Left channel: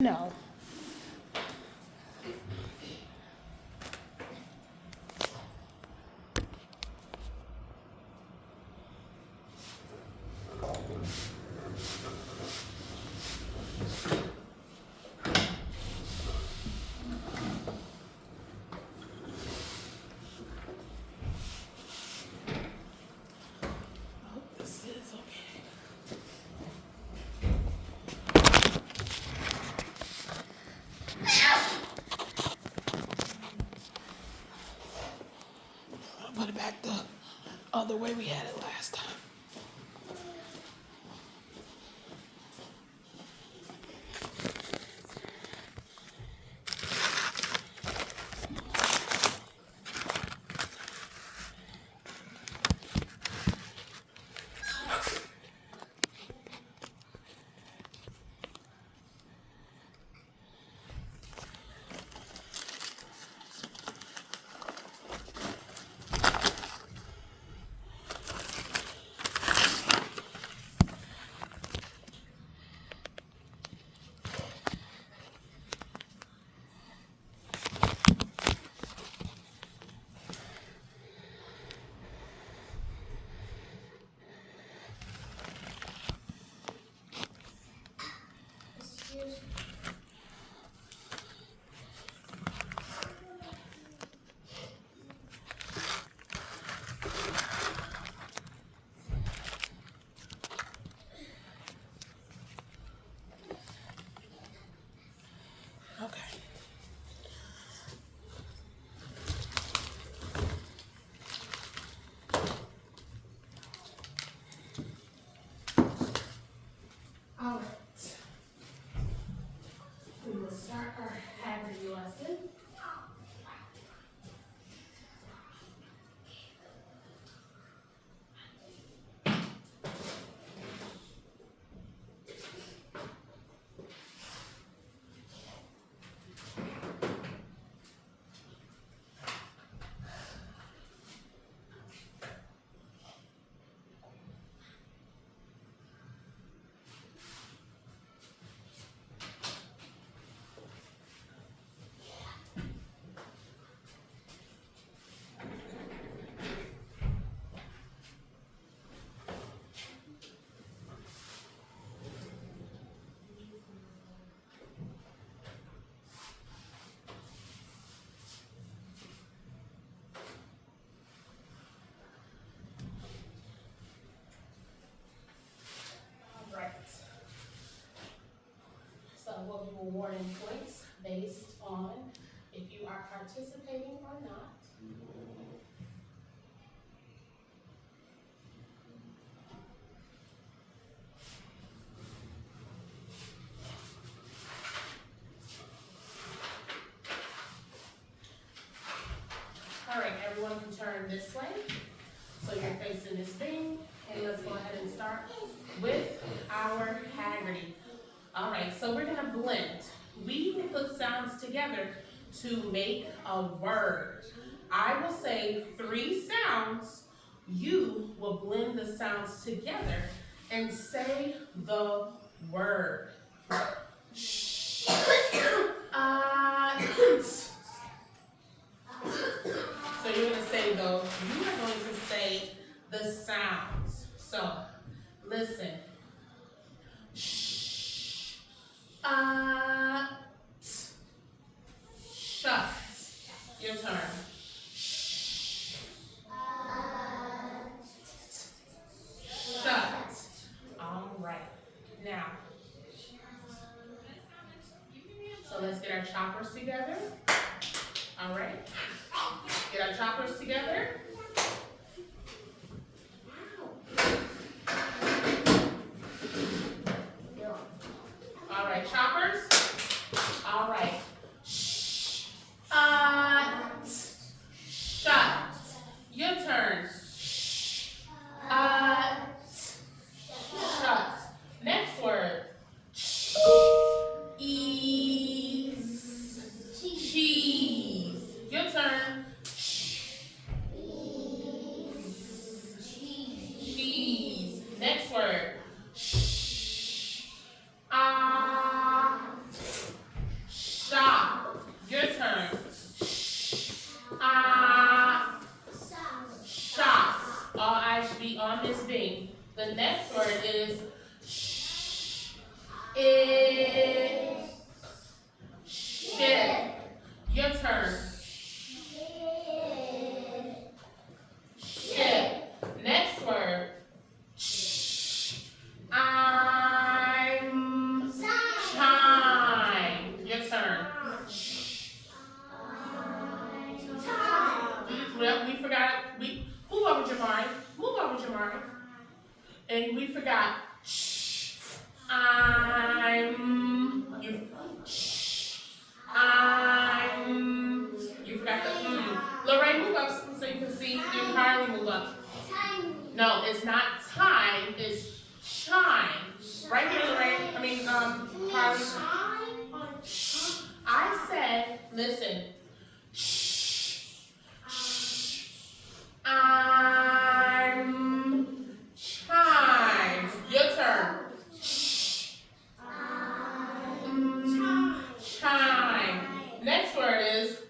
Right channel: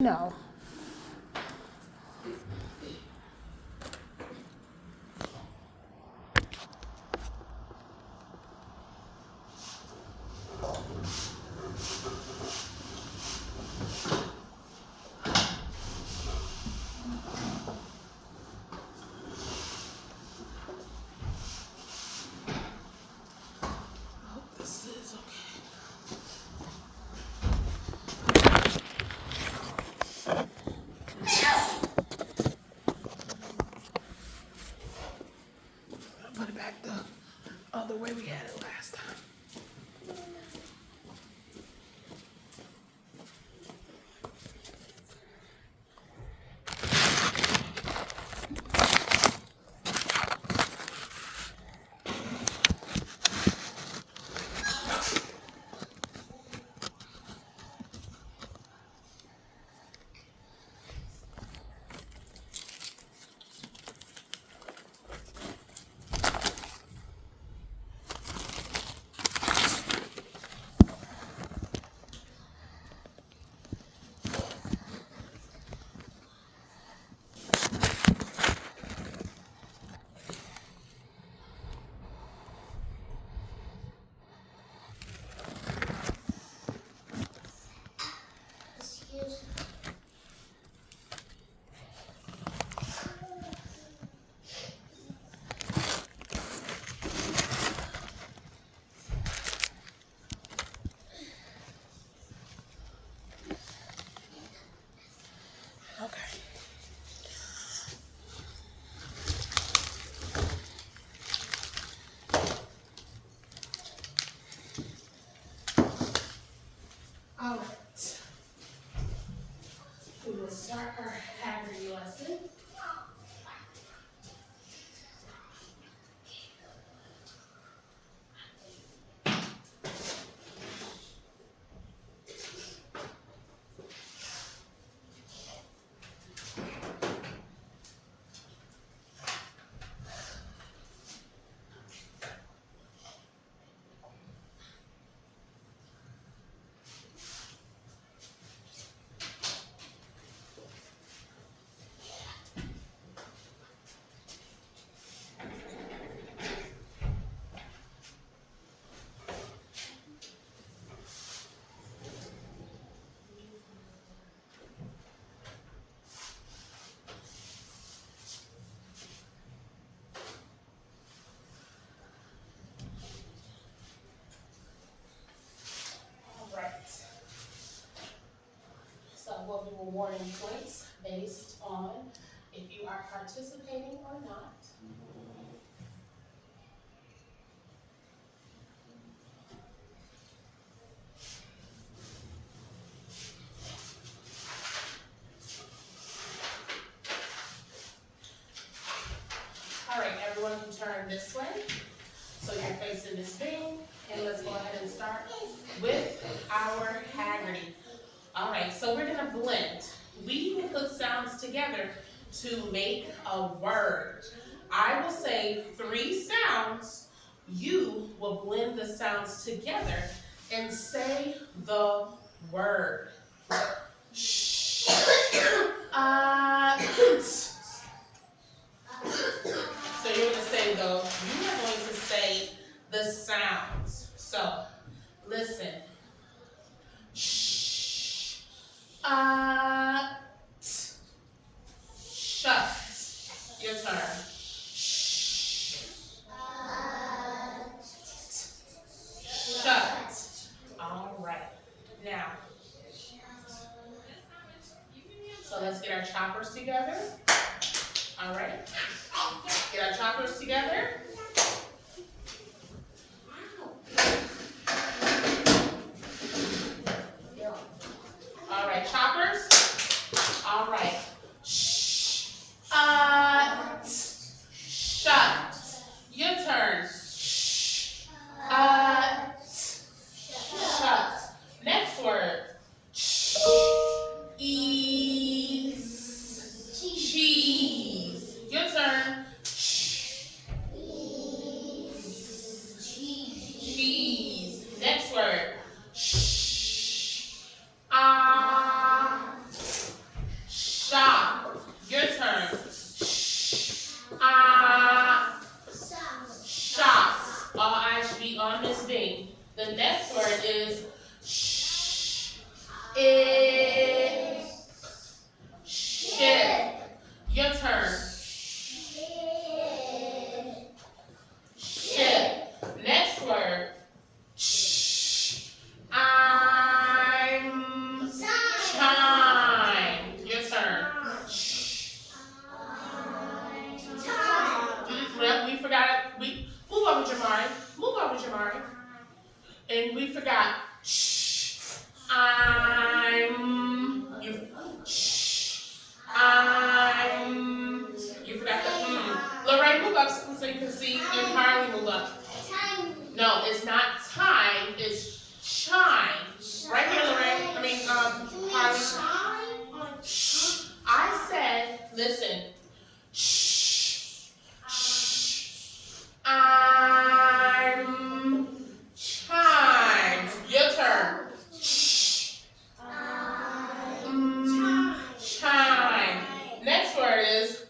No. This is okay. I'll put it back the other way we had it last time. Okay. All right. We will start our Haggerty lesson. All right. So we'll do awarding points based on if you are participating or not. All right, everyone can turn this way. So you're facing this thing, and let's go ahead and start with our Haggerty. All right, so we're gonna blend. We will put sounds together to make a word. I will say 3 sounds. You will blend the sounds together and say the word. Shh. So you're gonna say those. You are going to say the sounds. So listen. Shh. Shut. Your turn. Shh. Shut. All right. Now, so let's get our choppers together. All right. Get our choppers together. All right, choppers. All right. Shh. Shut. Your turn. Shh. Shut. Next word. Shh. Ease. Cheese. Your turn. Shh. Cheese. Next word. Shh. and we forgot shh. I'm. You forgot the Lorraine, move up so you can see. And Harley, move up. No, it's not time. It's shine. Right here, Lorraine. Harley. I said, listen. I'm chime. Your turn. Chime. Next word is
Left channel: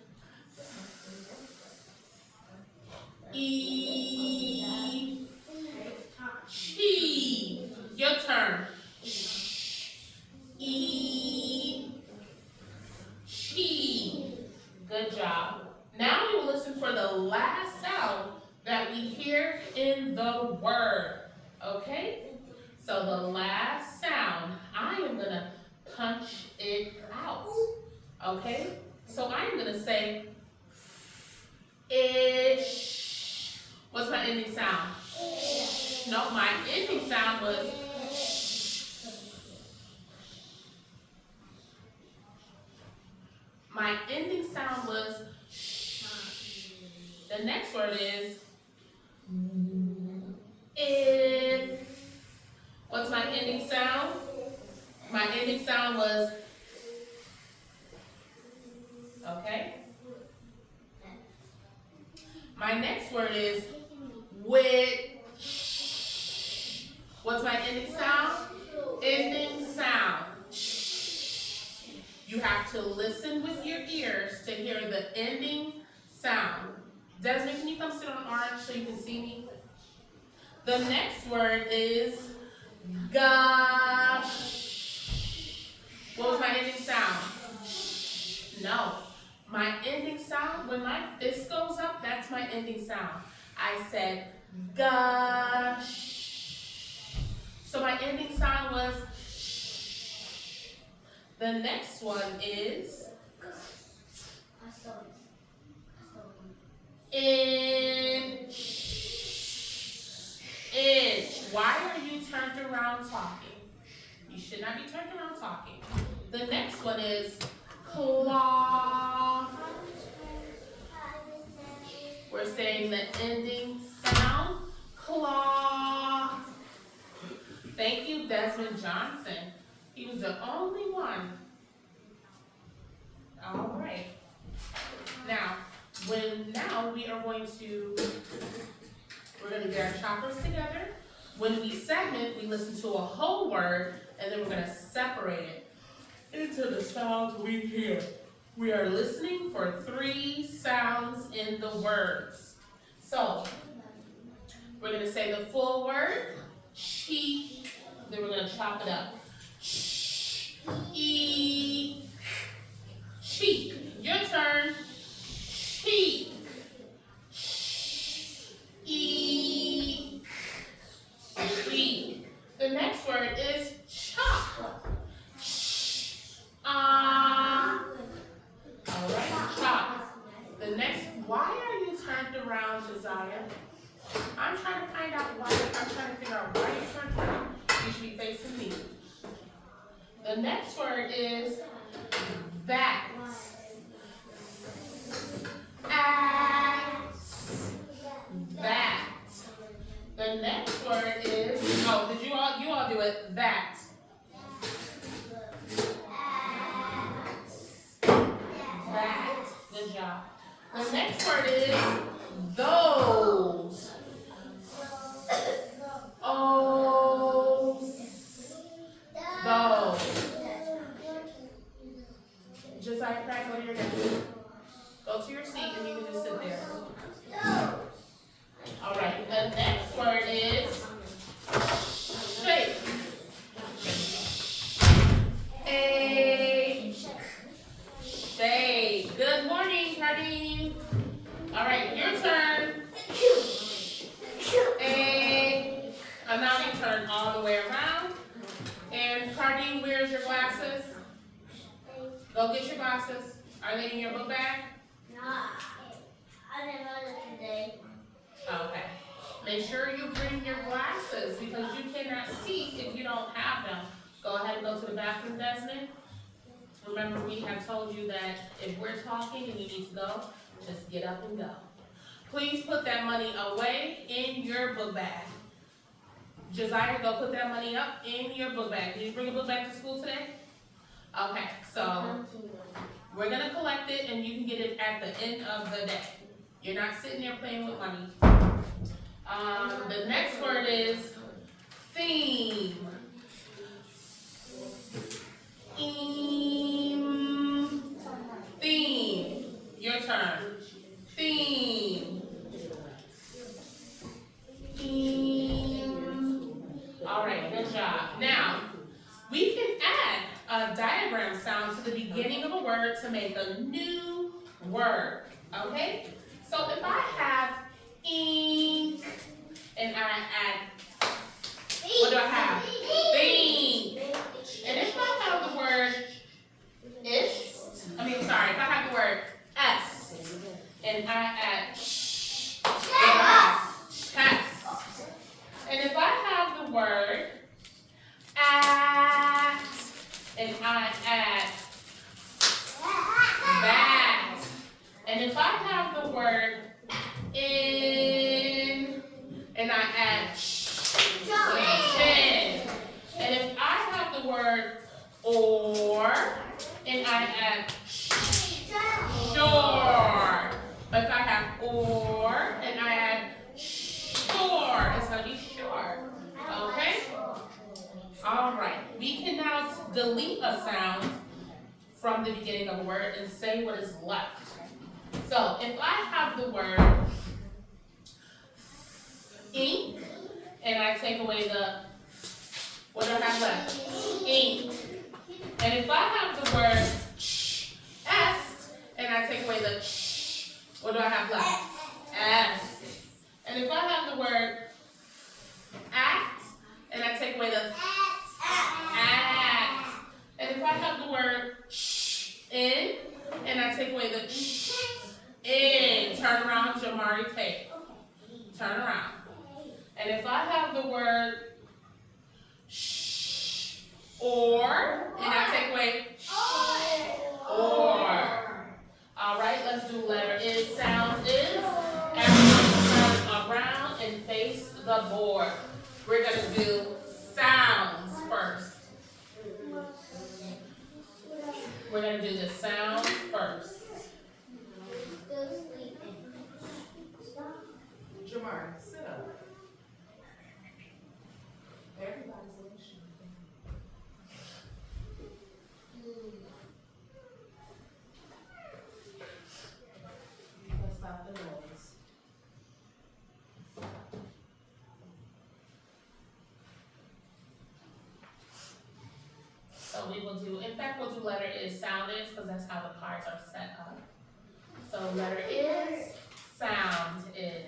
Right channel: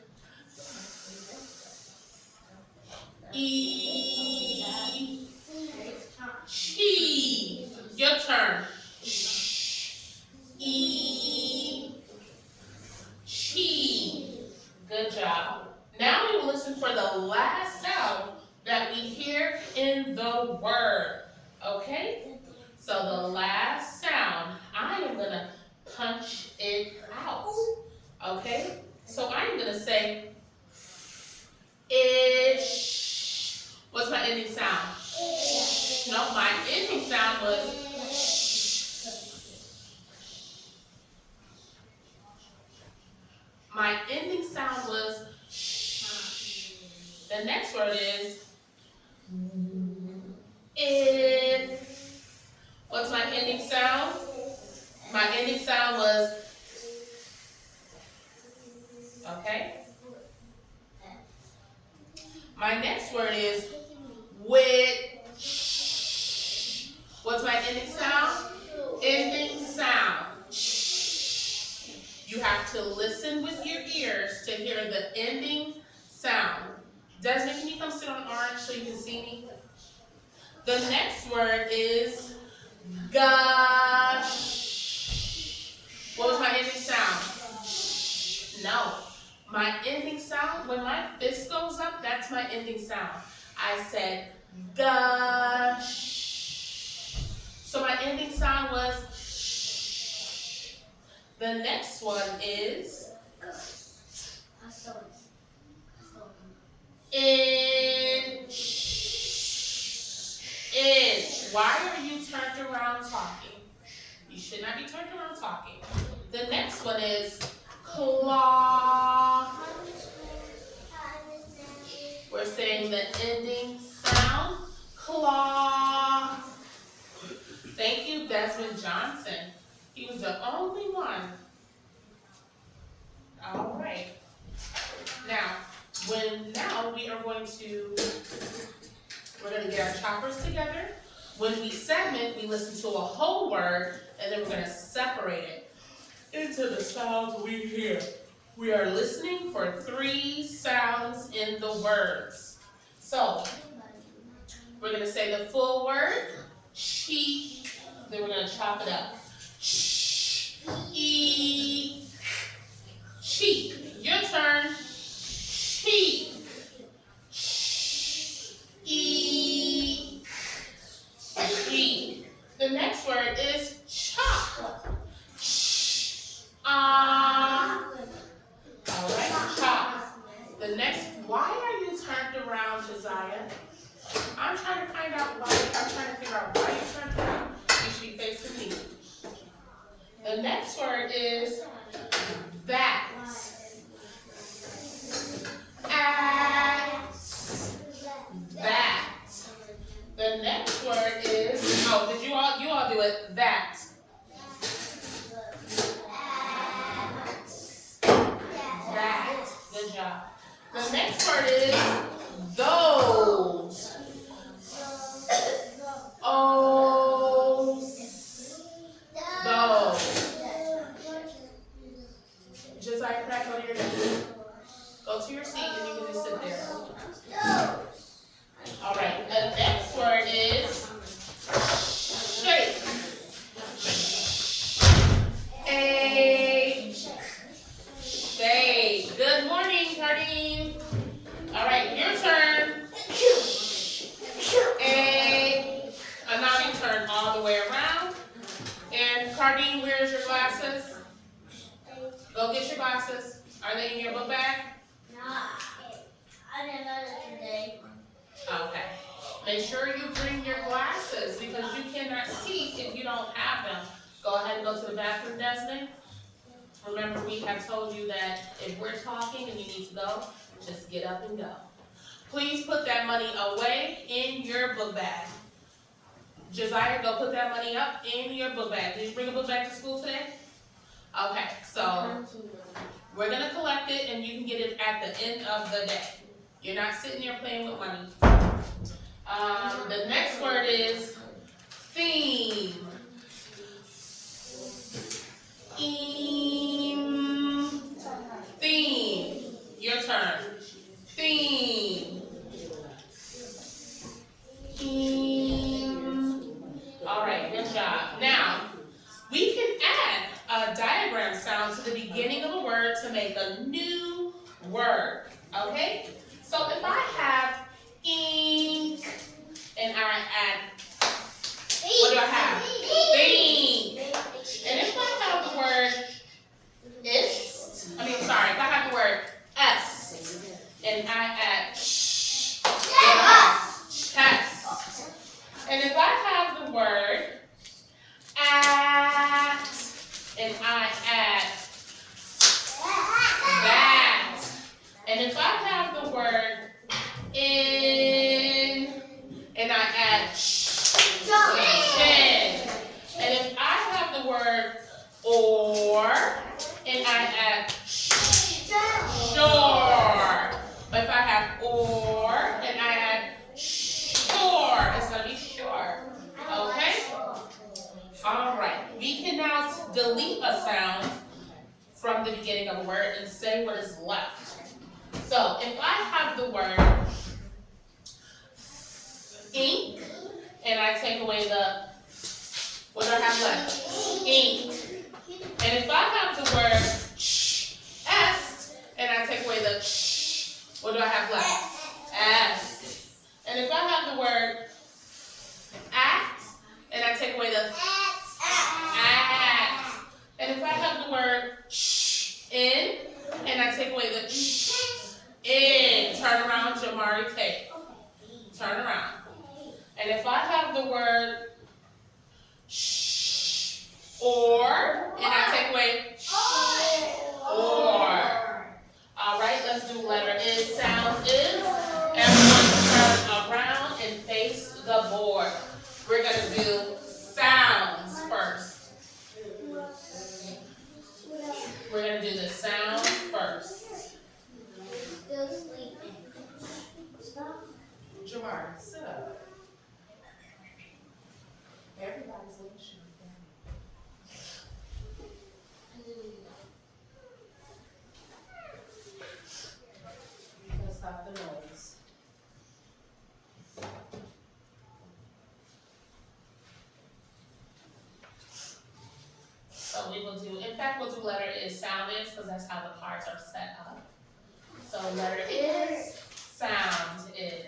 cheese. Your turn. Cheese. Good job. Now we will listen for the last sound that we hear in the word. Okay? So the last sound, I am going to punch it out. Okay? So I'm going to say ish. What's my ending sound? No, my ending sound was the next word is if. What's my ending sound? My ending sound was, okay? My next word is which. What's my ending sound? Ending sound. You have to listen with your ears to hear the ending sound. Desmond, can you come sit on orange so you can see me? The next word is gosh. What was my ending sound? No. My ending sound, when my fist goes up, that's my ending sound. I said gosh. So my ending sound was sh. The next one is inch. Inch. Why are you turned around talking? You should not be turned around talking. The next one is cloth. We're saying the ending sound, cloth. Thank you, Desmond Johnson. He was the only one. All right. Now we are going to get our choppers together. When we segment, we listen to a whole word, and then we're going to separate it into the sounds we hear. We are listening for 3 sounds in the words. So, we're going to say the full word, sheep, then we're going to chop it up. Sheep. Your turn. Sheep. Sheep. The next word is chop. All right, chop. The next, why are you turned around, Josiah? I'm trying to figure out why you're turned around. You should be facing me. The next word is that. That. The next word is, did you all do it? That. That. Good job. The next word is those. Those. Josiah Pratt, go to your desk. Go to your seat and you can just sit there. All right. The next word is shake. Shake. Good morning, Cardine. All right, your turn. And now you turn all the way around. And Cardine, where's your glasses? Go get your glasses. Are they in your book bag? No, I didn't know that today. Okay. Make sure you bring your glasses because you cannot see if you don't have them. Go ahead and go to the bathroom, Desmond. Remember, we have told you that if we're talking and you need to go, just get up and go. Please put that money away in your book bag. Josiah, go put that money up in your book bag. Did you bring a book bag to school today? Okay, so we're going to collect it and you can get it at the end of the day. You're not sitting there playing with money. The next word is theme. Theme. Your turn. Theme. All right, good job. Now, we can add a diagram sound to the beginning of a word to make a new word. Okay? So if I have ink and I add, what do I have? Theme. And if I have the word if I have the word est and I add chest. And if I have the word at and I add that. And if I have the word in and I add chin. And if I have the word or and I add sure. But if I have or and I add sure, it's going to be sure. Okay? All right. We can now delete a sound from the beginning of a word and say what is left. So if I have the word ink and I take away the, what do I have left? Ink. And if I have the word est and I take away the what do I have left? S. And if I have the word act and I take away the act. And if I have the word in and I take away the in. Turn around, Jamari Tate. Turn around. And if I have the word or and I take away or. All right, let's do letter is. Sound is. Everyone turn around and face the board. We're going to do sounds first. We're going to do the sound first. Jamar, sit up. Everybody's listening. Let's stop the noise. So we will do, in fact, we'll do letter is, sound is, because that's how the cards are set up. So letter is, sound is.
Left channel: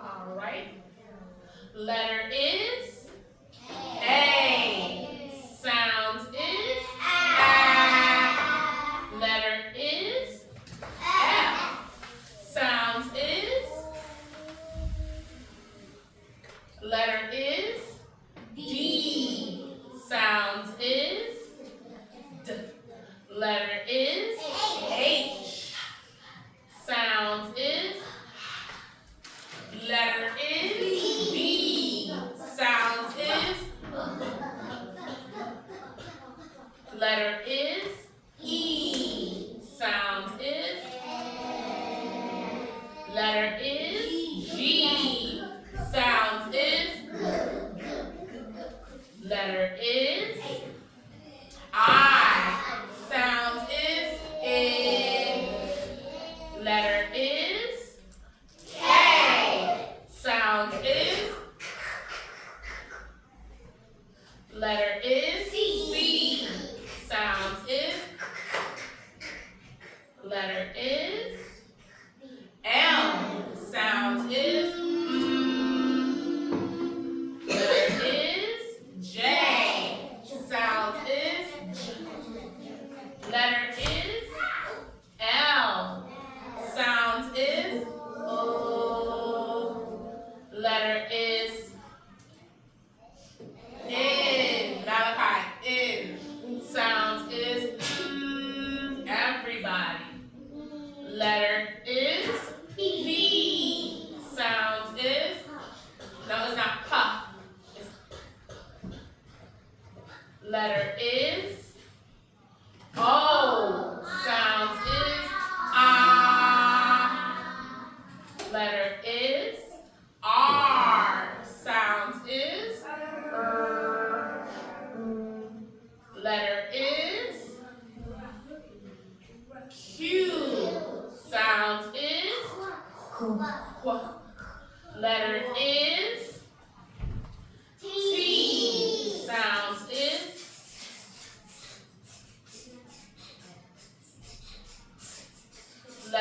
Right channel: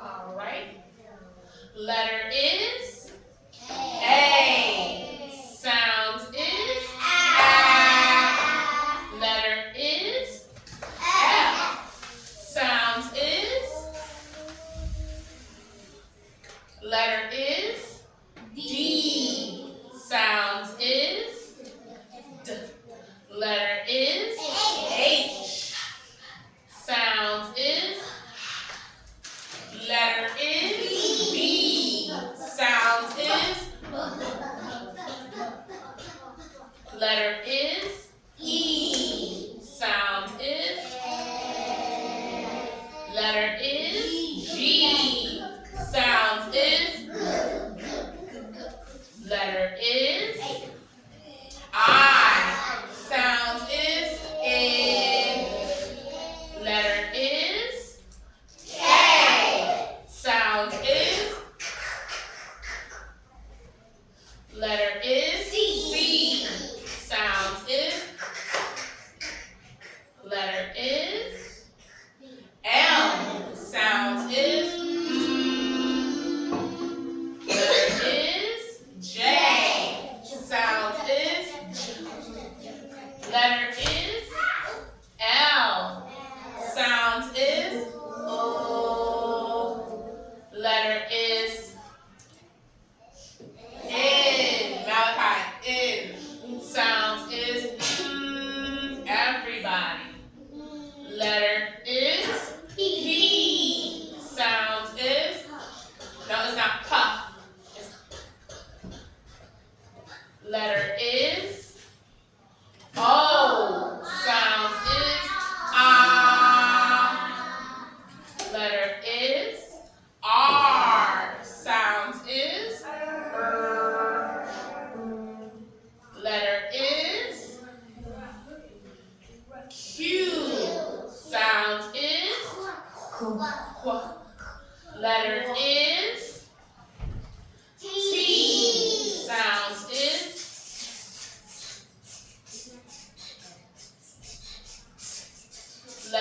All right. Letter is A. Sound is A. Letter is F. Sound is. Letter is D. Sound is D. Letter is H. Sound is. Letter is B. Sound is. Letter is E. Sound is. Letter is G. Sound is. Letter is I. Sound is A. Letter is K. Sound is. Letter is C. Sound is.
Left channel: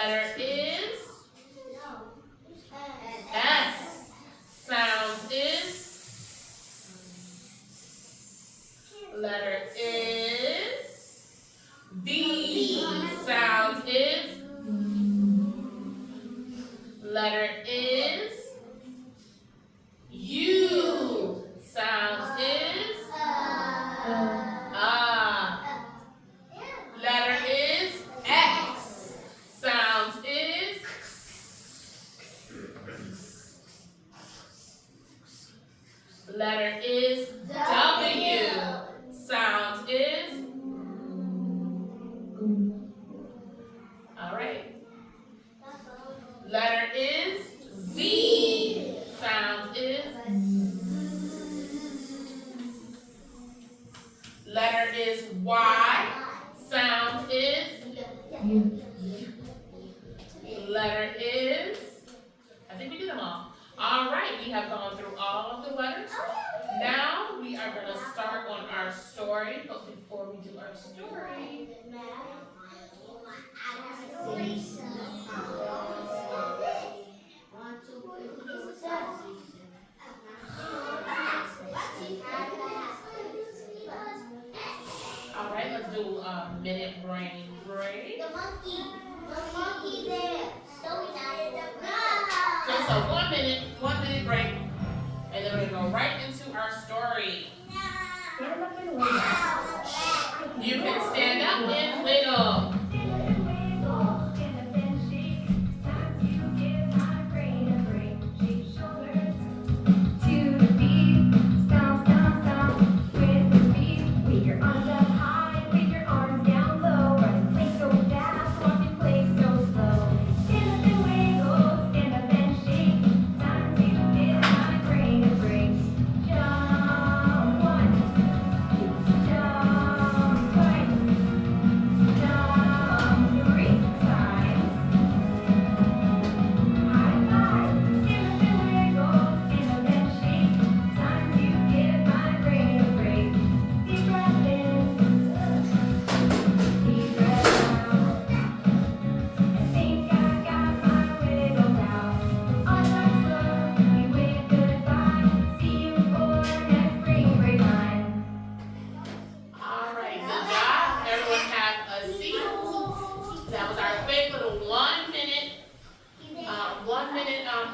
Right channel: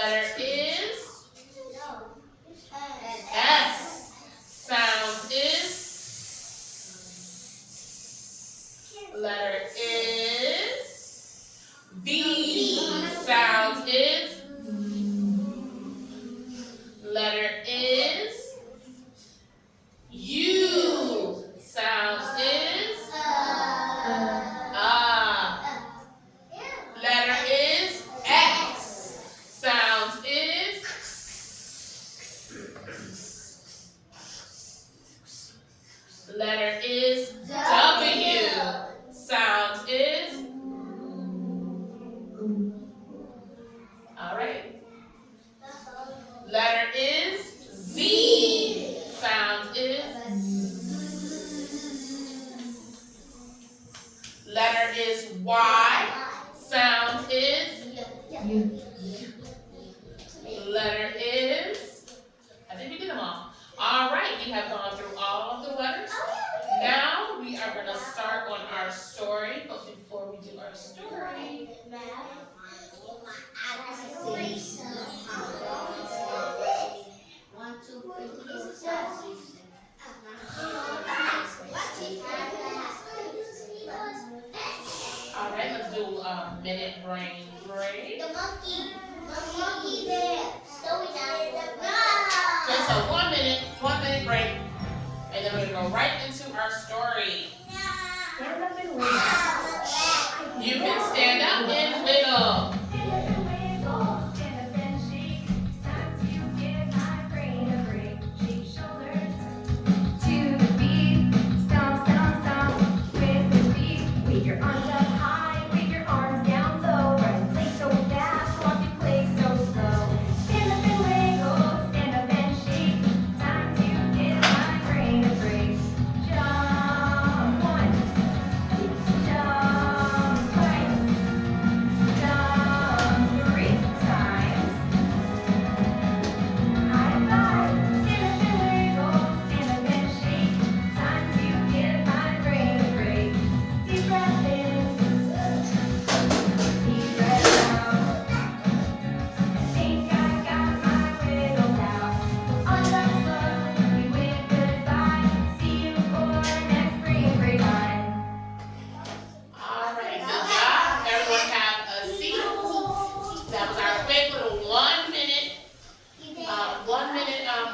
Letter is S. Sound is. Letter is V. Sound is. Letter is U. Sound is. Letter is X. Sound is. Letter is W. Sound is. All right. Letter is Z. Sound is. Letter is Y. Sound is. Letter is. I think we did them all. All right, we have gone through all of the letters. Now we are going to start on our story. But before we do our story, all right, let's do a minute brain break. The monkey bear. Just a 1 minute break, and then we're gonna go right into our story. You can stand up and wiggle.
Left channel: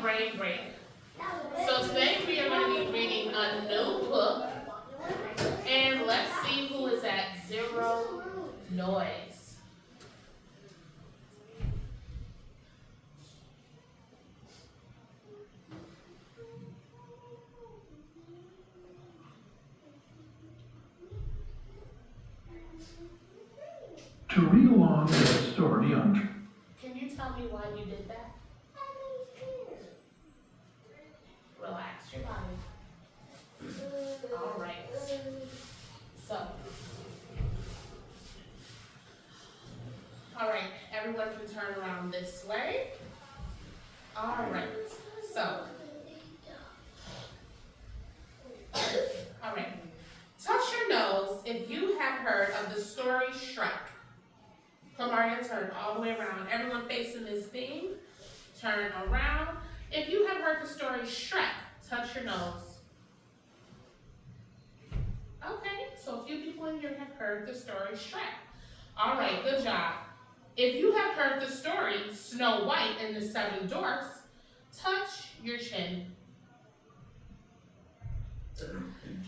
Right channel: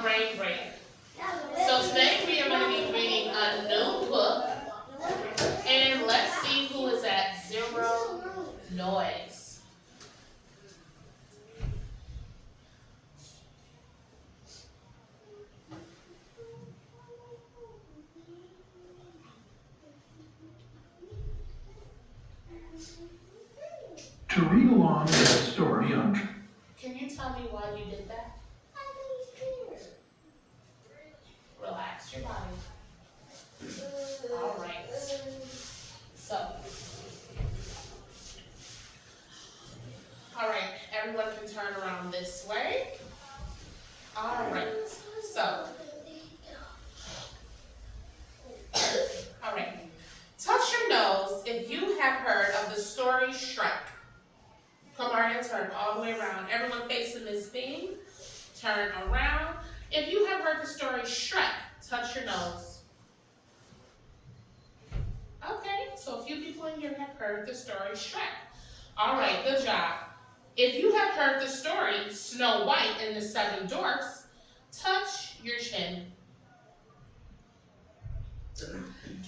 Brain break. So today we are going to be reading a new book, and let's see who is at zero noise. To read along with the story on... Can you tell me why you did that? Relax your body. All right. So, all right, everyone can turn around this way. All right. So, all right. Touch your nose if you have heard of the story Shrek. Come on and turn all the way around. Everyone facing this thing, turn around. If you have heard the story Shrek, touch your nose. Okay, so a few people in here have heard the story Shrek. All right, good job. If you have heard the story Snow White and the Seven Dwarfs, touch your chin.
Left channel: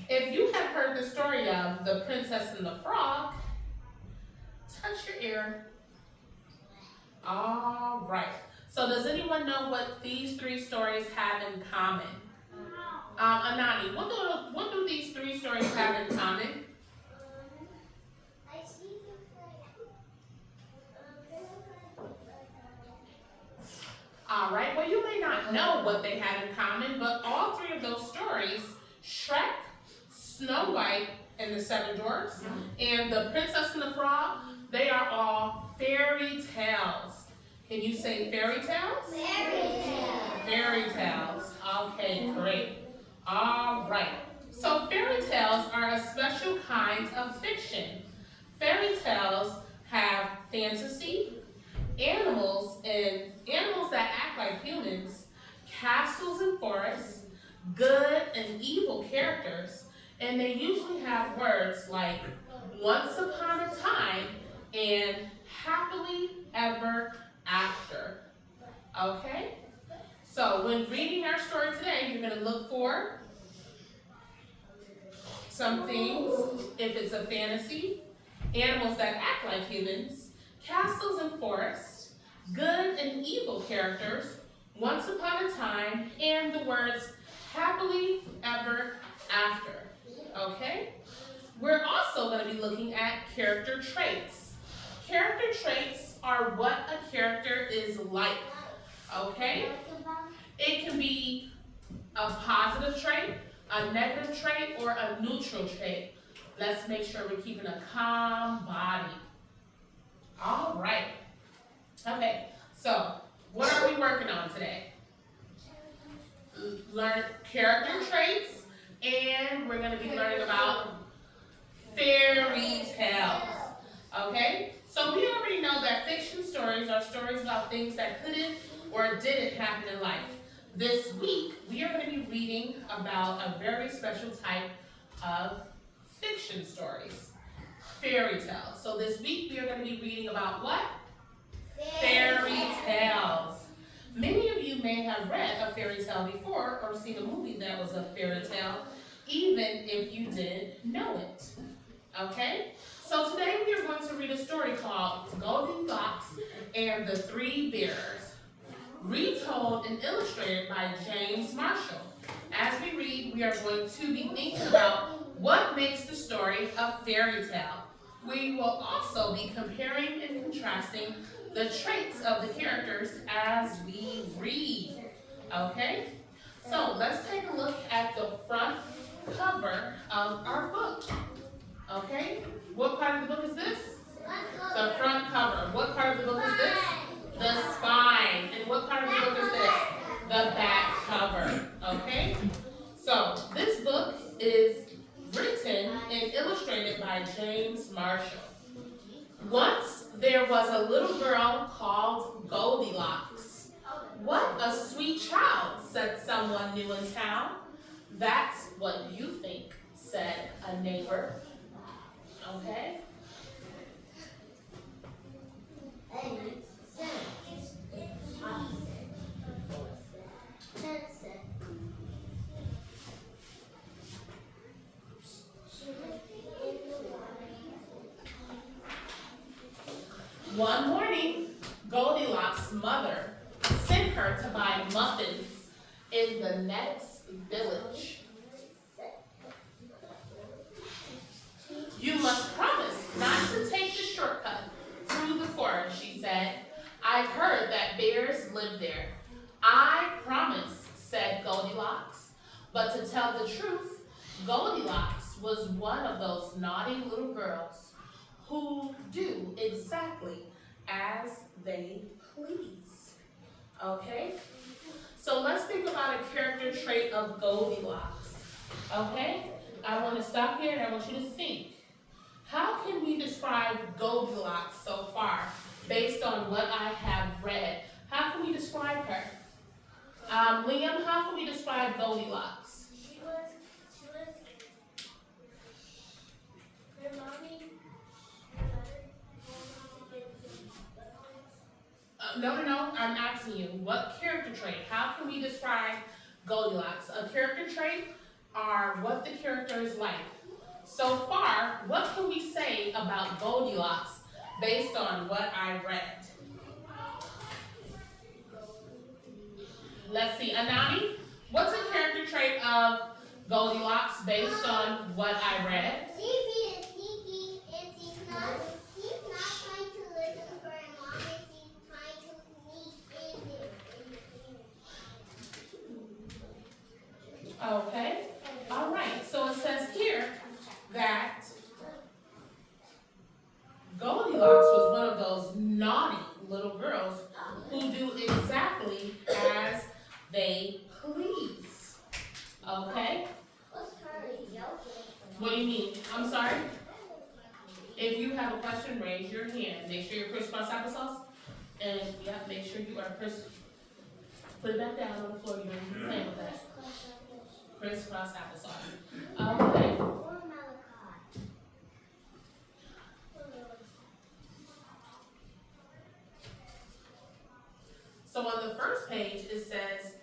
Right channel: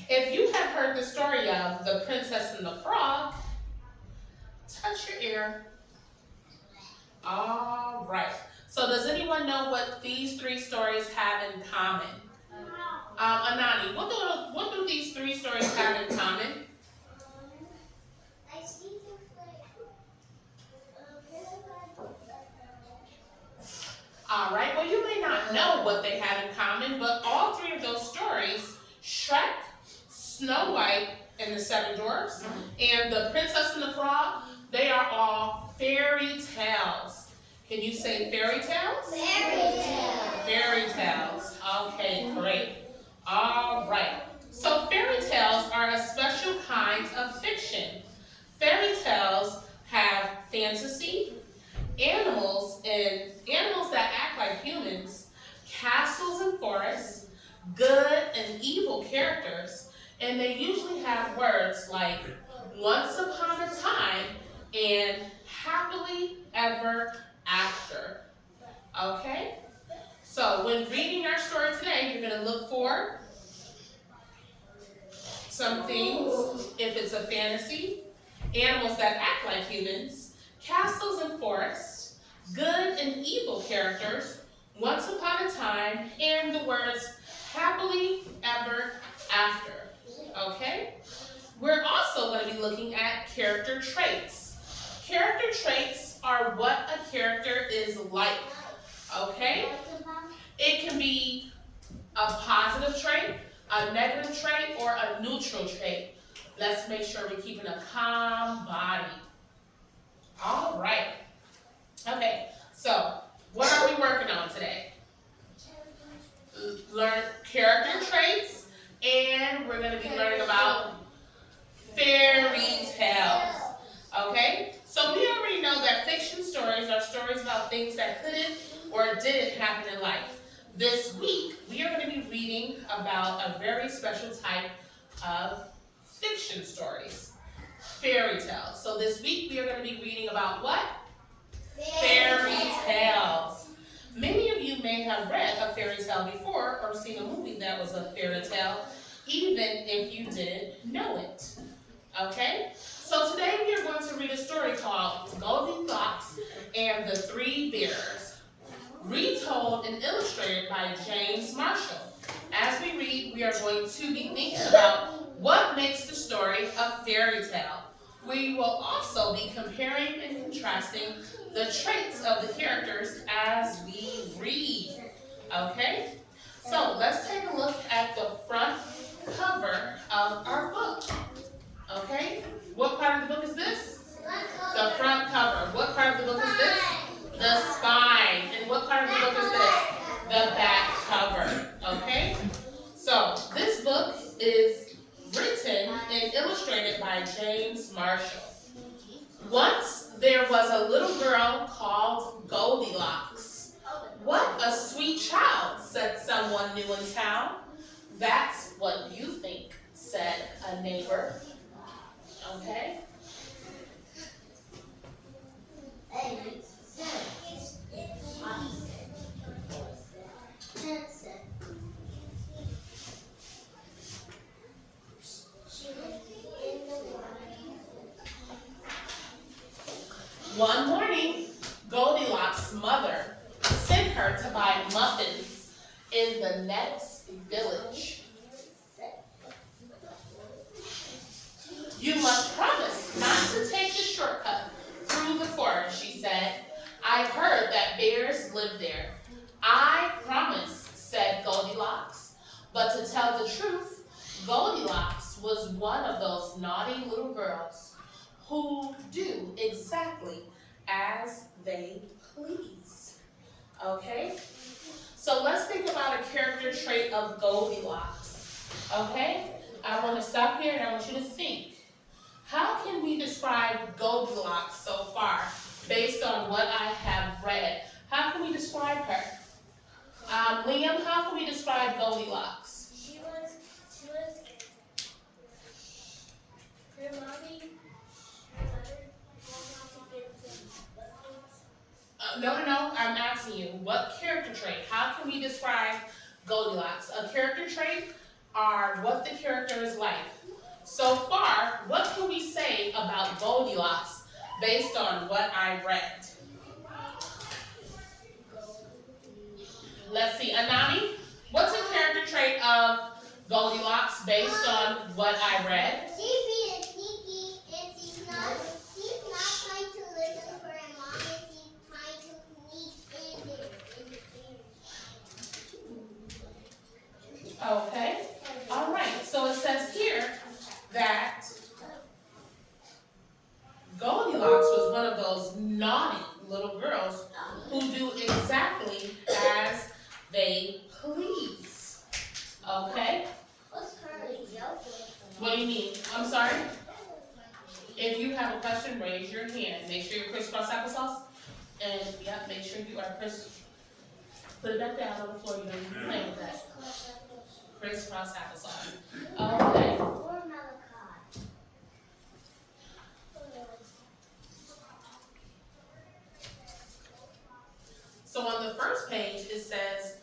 If you have heard the story of The Princess and the Frog, touch your ear. All right. So does anyone know what these three stories have in common? Anani, what do these three stories have in common? All right, well you may not know what they have in common, but all three of those stories, Shrek, Snow White, and the Seven Dwarfs, and The Princess and the Frog, they are all fairy tales. Can you say fairy tales? Fairy tales. Fairy tales. Okay, great. All right. So fairy tales are a special kind of fiction. Fairy tales have fantasy animals that act like humans, castles and forests, good and evil characters, and they usually have words like once upon a time and happily ever after. Okay? So when reading our story today, you're going to look for some things. If it's a fantasy, animals that act like humans, castles and forests, good and evil characters, once upon a time, and the words happily ever after. Okay? We're also going to be looking at character traits. Character traits are what a character is like. Okay? It can be a positive trait, a negative trait, or a neutral trait. Let's make sure we're keeping a calm body. All right. Okay, so what are we working on today? Learn character traits, and we're going to be learning about fairy tales. Okay, so we already know that fiction stories are stories about things that couldn't or didn't happen in life. This week, we are going to be reading about a very special type of fiction stories, fairy tales. So this week, we are going to be reading about what? Fairy tales. Many of you may have read a fairy tale before or seen a movie that was a fairy tale, even if you didn't know it. Okay? So today we are going to read a story called Goldilocks and the Three Bears, retold and illustrated by James Marshall. As we read, we are going to be thinking about what makes the story a fairy tale. We will also be comparing and contrasting the traits of the characters as we read. Okay? So let's take a look at the front cover of our book. Okay? What part of the book is this? The front cover. What part of the book is this? The spine. And what part of the book is this? The back cover. Okay? So this book is written and illustrated by James Marshall. Once there was a little girl called Goldilocks. What a sweet child, said someone new in town. That's what you think, said a neighbor. Okay? One morning, Goldilocks' mother sent her to buy muffins in the next village. You must promise not to take the shortcut through the forest, she said. I've heard that bears live there. I promise, said Goldilocks. But to tell the truth, Goldilocks was one of those naughty little girls who do exactly as they please. Okay? So let's think about a character trait of Goldilocks. Okay? I want to stop here and I want you to think. How can we describe Goldilocks so far based on what I have read? How can we describe her? Liam, how can we describe Goldilocks? Her mommy. No, I'm asking you, what character trait? How can we describe Goldilocks? A character trait are what the character is like. So far, what can we say about Goldilocks based on what I read? Let's see, Anani, what's a character trait of Goldilocks based on what I read? She's being sneaky and she's not trying to listen for her mom and she's trying to sneak in. Okay, all right, so it says here that Goldilocks was one of those naughty little girls who do exactly as they please. Okay? What's currently joking? What do you mean? I'm sorry? If you have a question, raise your hand. Make sure you're crisscross applesauce. And yep, make sure you are put it back down on the floor. You don't need to be playing with that. Crisscross applesauce. Okay. Or Malachi. So on the first page it says,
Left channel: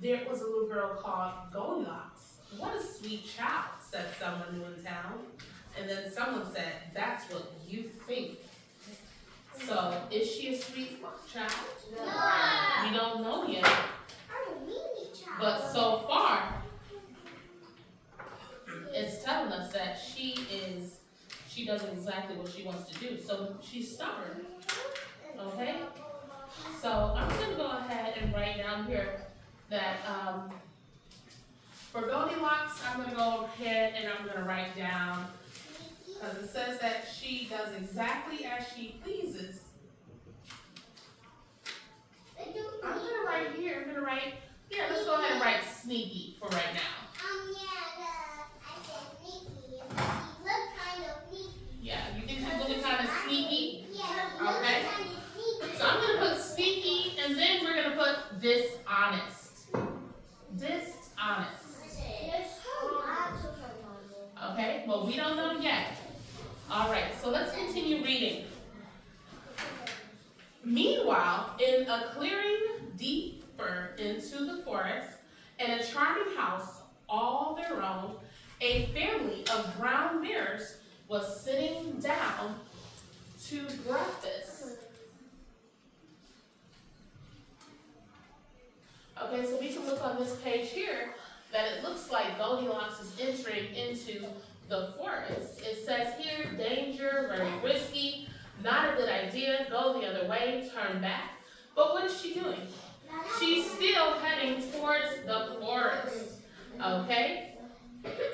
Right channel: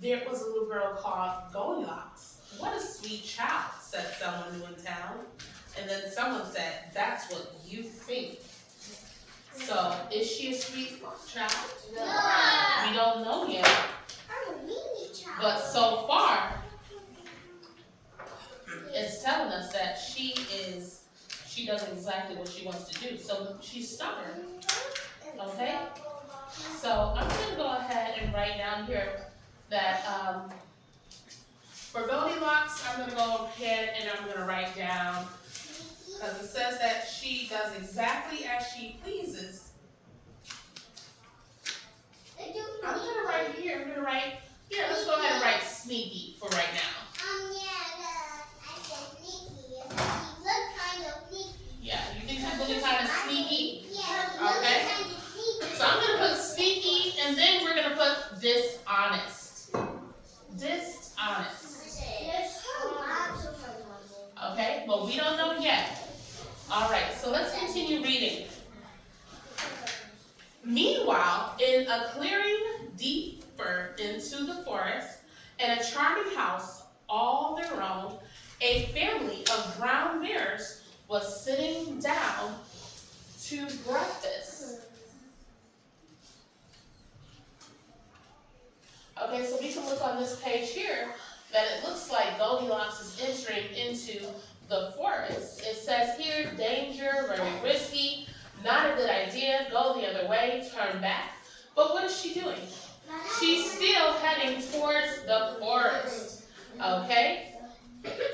there was a little girl called Goldilocks. What a sweet child, said someone new in town. And then someone said, that's what you think. So, is she a sweet child? No. We don't know yet. I'm a mini child. But so far, it's telling us that she does exactly what she wants to do. So she's stubborn, okay? So I'm gonna go ahead and write down here that, for Goldilocks, I'm gonna go ahead and I'm gonna write down, because it says that she does exactly as she pleases. I'm gonna write here, let's go ahead and write sneaky for right now. I said sneaky. She looked kind of sneaky. Yeah, you think she's looking kind of sneaky? Yeah, she looked Okay. kind of sneaky. So I'm gonna put sneaky, and then we're gonna put dishonest. Dishonest. Okay, well, we don't know yet. All right, so let's continue reading. Meanwhile, in a clearing deeper into the forest, in a charming house all their own, a family of brown bears was sitting down to breakfast. Okay, so we can look on this page here that it looks like Goldilocks is entering into the forest. It says here, danger, very risky, not a good idea, go the other way, turn back. But what is she doing? She's still heading towards the forest, okay?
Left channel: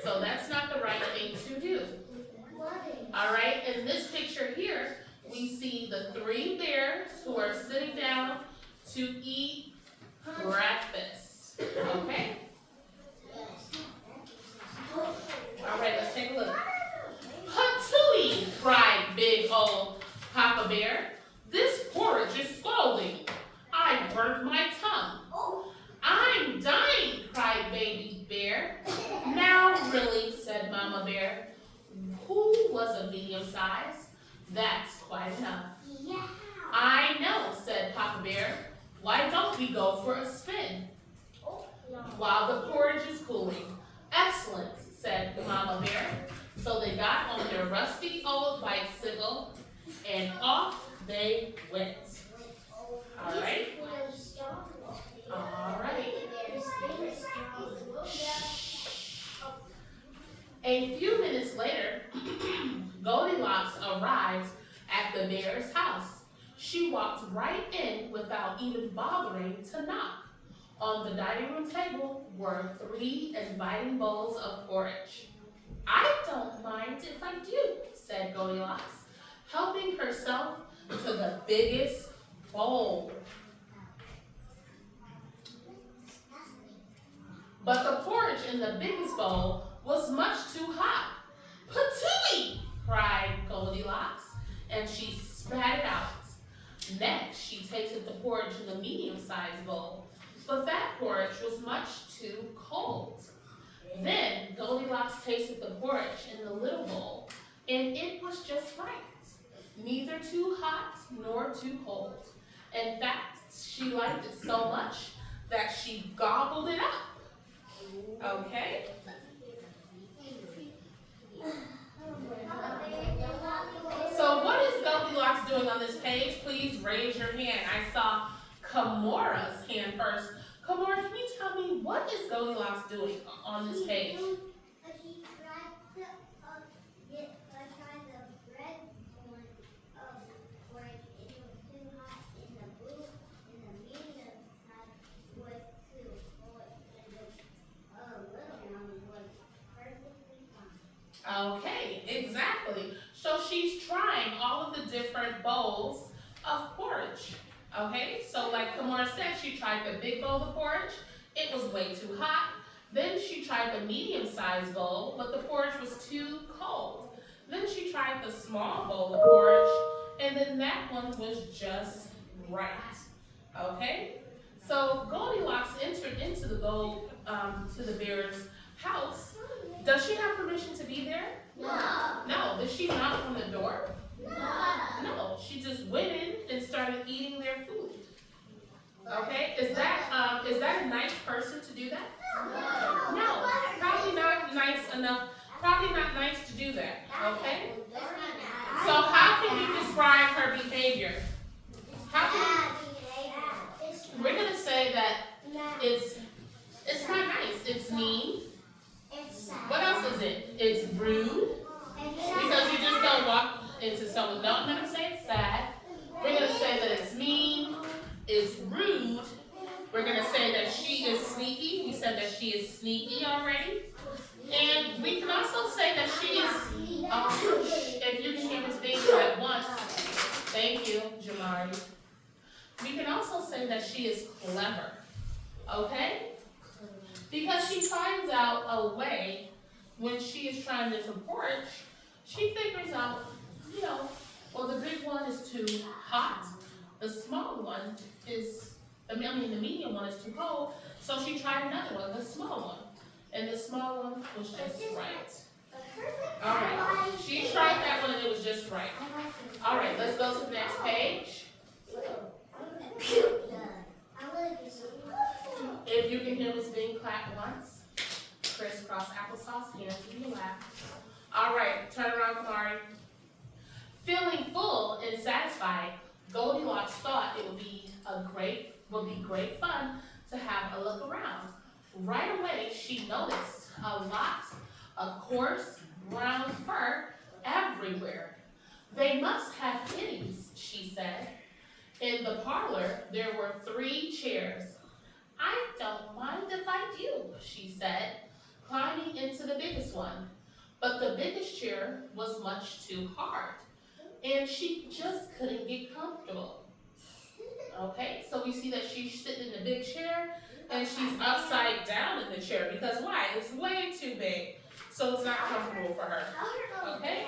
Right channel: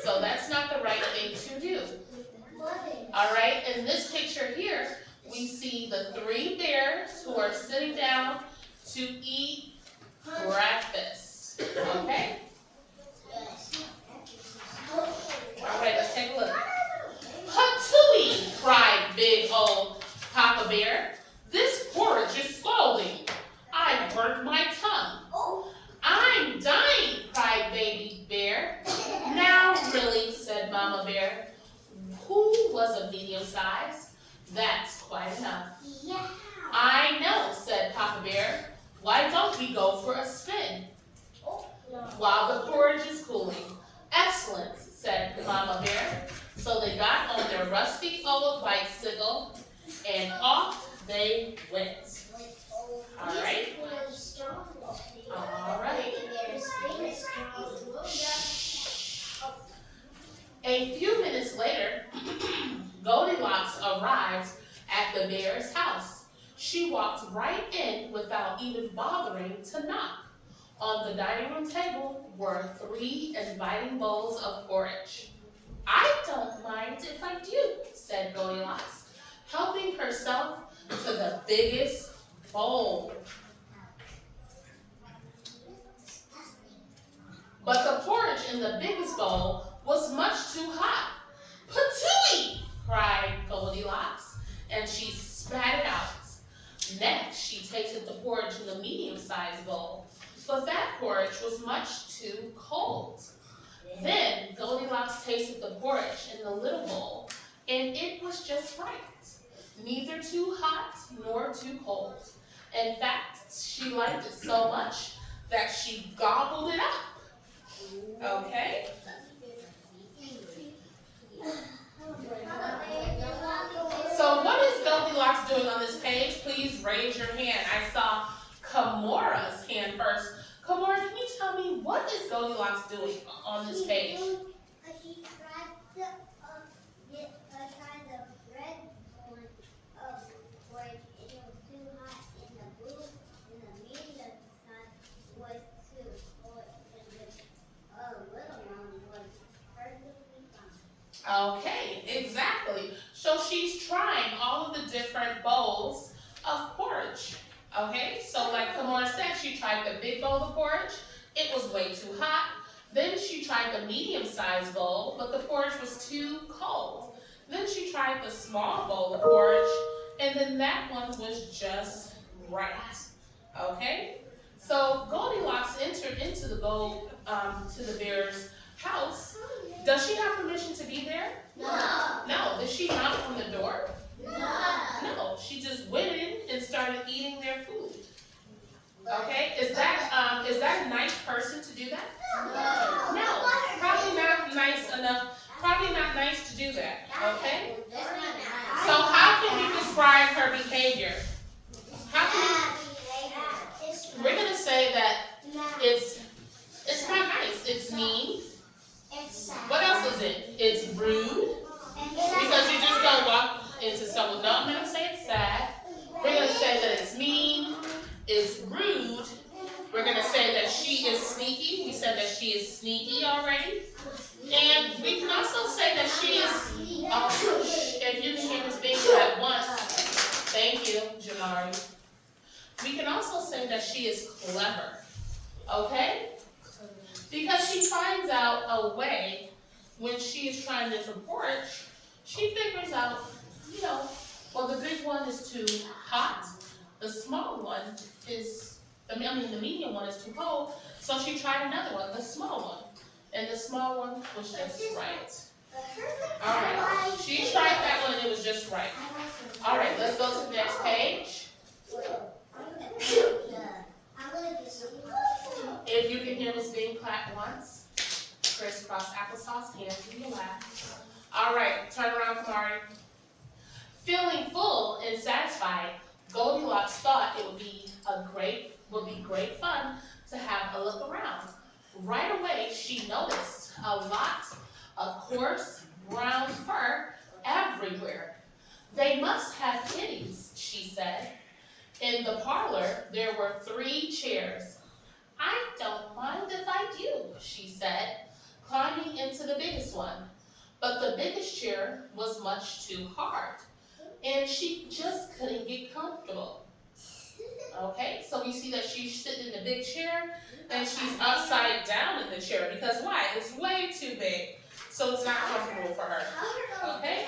So that's not the right thing to do. All right, in this picture here, we see the 3 bears who are sitting down to eat breakfast, okay? All right, let's take a look. Patooey, cried big old Papa Bear. This porridge is scalding. I burnt my tongue. I'm dying, cried Baby Bear. Now really, said Mama Bear, who was a medium size? That's quite enough. Yeah. I know, said Papa Bear. Why don't we go for a spin while the porridge is cooling? Excellent, said Mama Bear. So they got on their rusty old bicycle and off they went. All right. All right. A few minutes later, Goldilocks arrived at the bear's house. She walked right in without even bothering to knock. On the dining room table were 3 inviting bowls of porridge. I don't mind if I do, said Goldilocks, helping herself to the biggest bowl. But the porridge in the biggest bowl was much too hot. Patooey, cried Goldilocks, and she spat it out. Next, she tasted the porridge in the medium-sized bowl, but that porridge was much too cold. Then Goldilocks tasted the porridge in the little bowl, and it was just right. Neither too hot nor too cold. In fact, she liked it so much that she gobbled it up. Okay? So what is Goldilocks doing on this page? Please raise your hand. I saw Kamora's hand first. Kamora, can you tell me what is Goldilocks doing on this page? She tried the red one where it was too hot in the blue, and the medium side was too cold, and the little one was perfectly fine. Okay, exactly. So she's trying all of the different bowls of porridge. Okay, so like Kamora said, she tried the big bowl of porridge. It was way too hot. Then she tried the medium-sized bowl, but the porridge was too cold. Then she tried the small bowl of porridge, and then that one was just right. Okay? So Goldilocks entered into to the bear's house. Does she have permission to be there? No. No. Did she knock on the door? No. No. She just went in and started eating their food. Okay? Is that a nice person to do that? No. Probably not nice enough. Probably not nice to do that. Okay? So how can we describe her behavior? How can we're gonna say that it's not nice. It's mean. What else is it? It's rude. Because you just don't walk into someone. No, I'm gonna say it's sad. We're gonna say that it's mean. It's rude. We're gonna say that she is sneaky. We said that she is sneaky already. And we can also say that she is, if you can hear Miss Binks at once, thank you, Jamari. We can also say that she is clever, okay? Because she finds out a way when she is trying to porridge, she figures out, well, the big one is too hot, the small one is, the medium one is too cold, so she tried another one, the small one. And the small one was just right. All right, she tried that one and it was just right. All right, let's go to the next page. If you can hear Miss Bean clap once, crisscross applesauce, hands to your lap. All right, turn around, Kamari. Feeling full and satisfied, Goldilocks thought it would be great fun to have a look around. Right away, she noticed a lot of coarse brown fur everywhere. They must have kitties, she said. In the parlor, there were 3 chairs. I don't mind if I do, she said, climbing into the biggest one. But the biggest chair was much too hard, and she just couldn't get comfortable. Okay, so we see that she's sitting in the big chair, and she's upside down in the chair, because why? It's way too big, so it's not comfortable for her. Okay?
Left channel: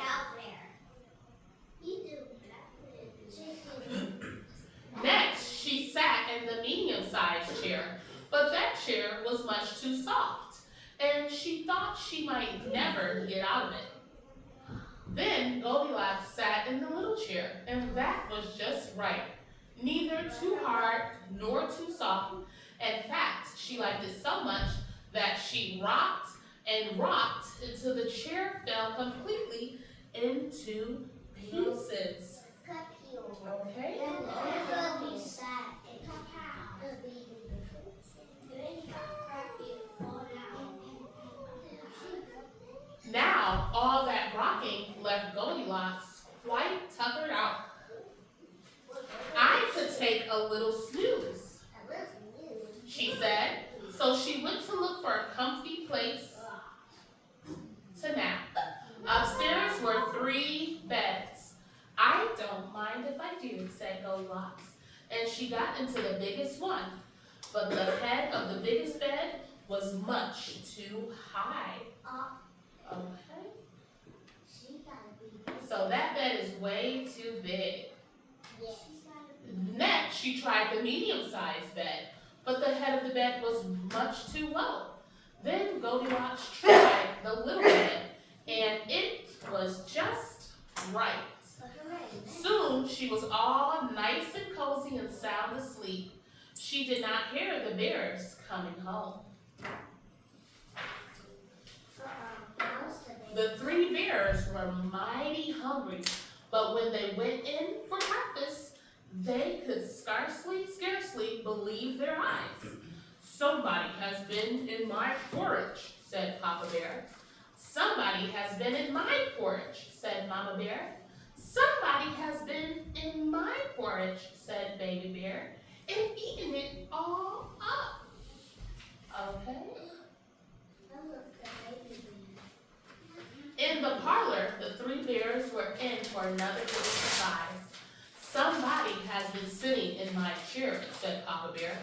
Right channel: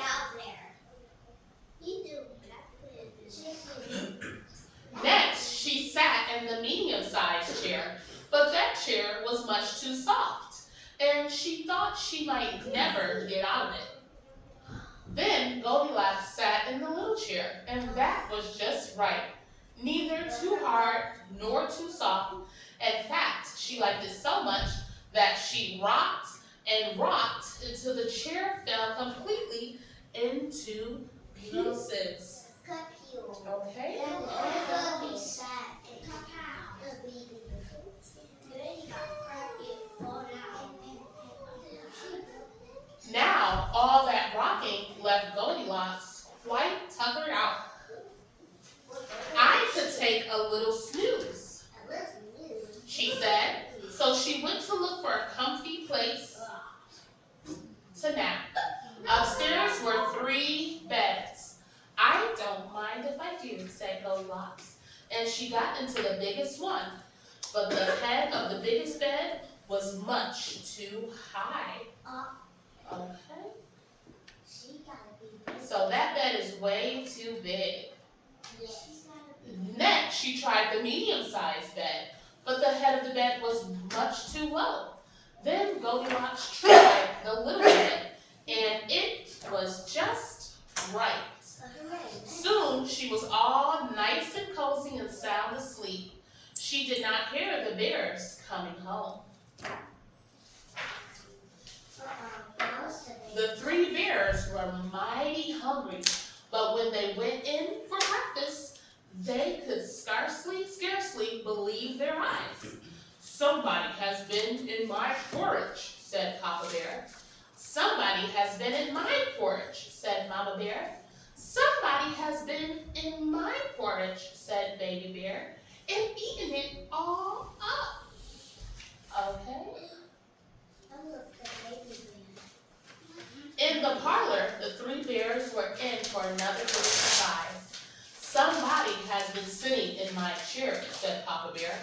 Next, she sat in the medium-sized chair, but that chair was much too soft, and she thought she might never get out of it. Then Goldilocks sat in the little chair, and that was just right. Neither too hard nor too soft. In fact, she liked it so much that she rocked and rocked until the chair fell completely into pieces. Okay? Now, all that rocking left Goldilocks quite tuckered out. I could take a little snooze, she said. So she went to look for a comfy place to nap. Upstairs were 3 beds. I don't mind if I do, said Goldilocks. And she got into the biggest one. But the head of the biggest bed was much too high. Okay? So that bed is way too big. Next, she tried the medium-sized bed, but the head of the bed was much too low. Then Goldilocks tried the little bed, and it was just right. Soon, she was all nice and cozy and sound asleep. She did not hear the bears coming home. The 3 bears were mighty hungry, but when they went in for breakfast, they could scarcely believe their eyes. Somebody has been in my porridge, said Papa Bear. Somebody has been in my porridge, said Mama Bear. Somebody has been in my porridge, said Baby Bear, and eaten it all up. Okay? In the parlor, the 3 bears were in for another little surprise. Somebody has been sitting in my chair, said Papa Bear.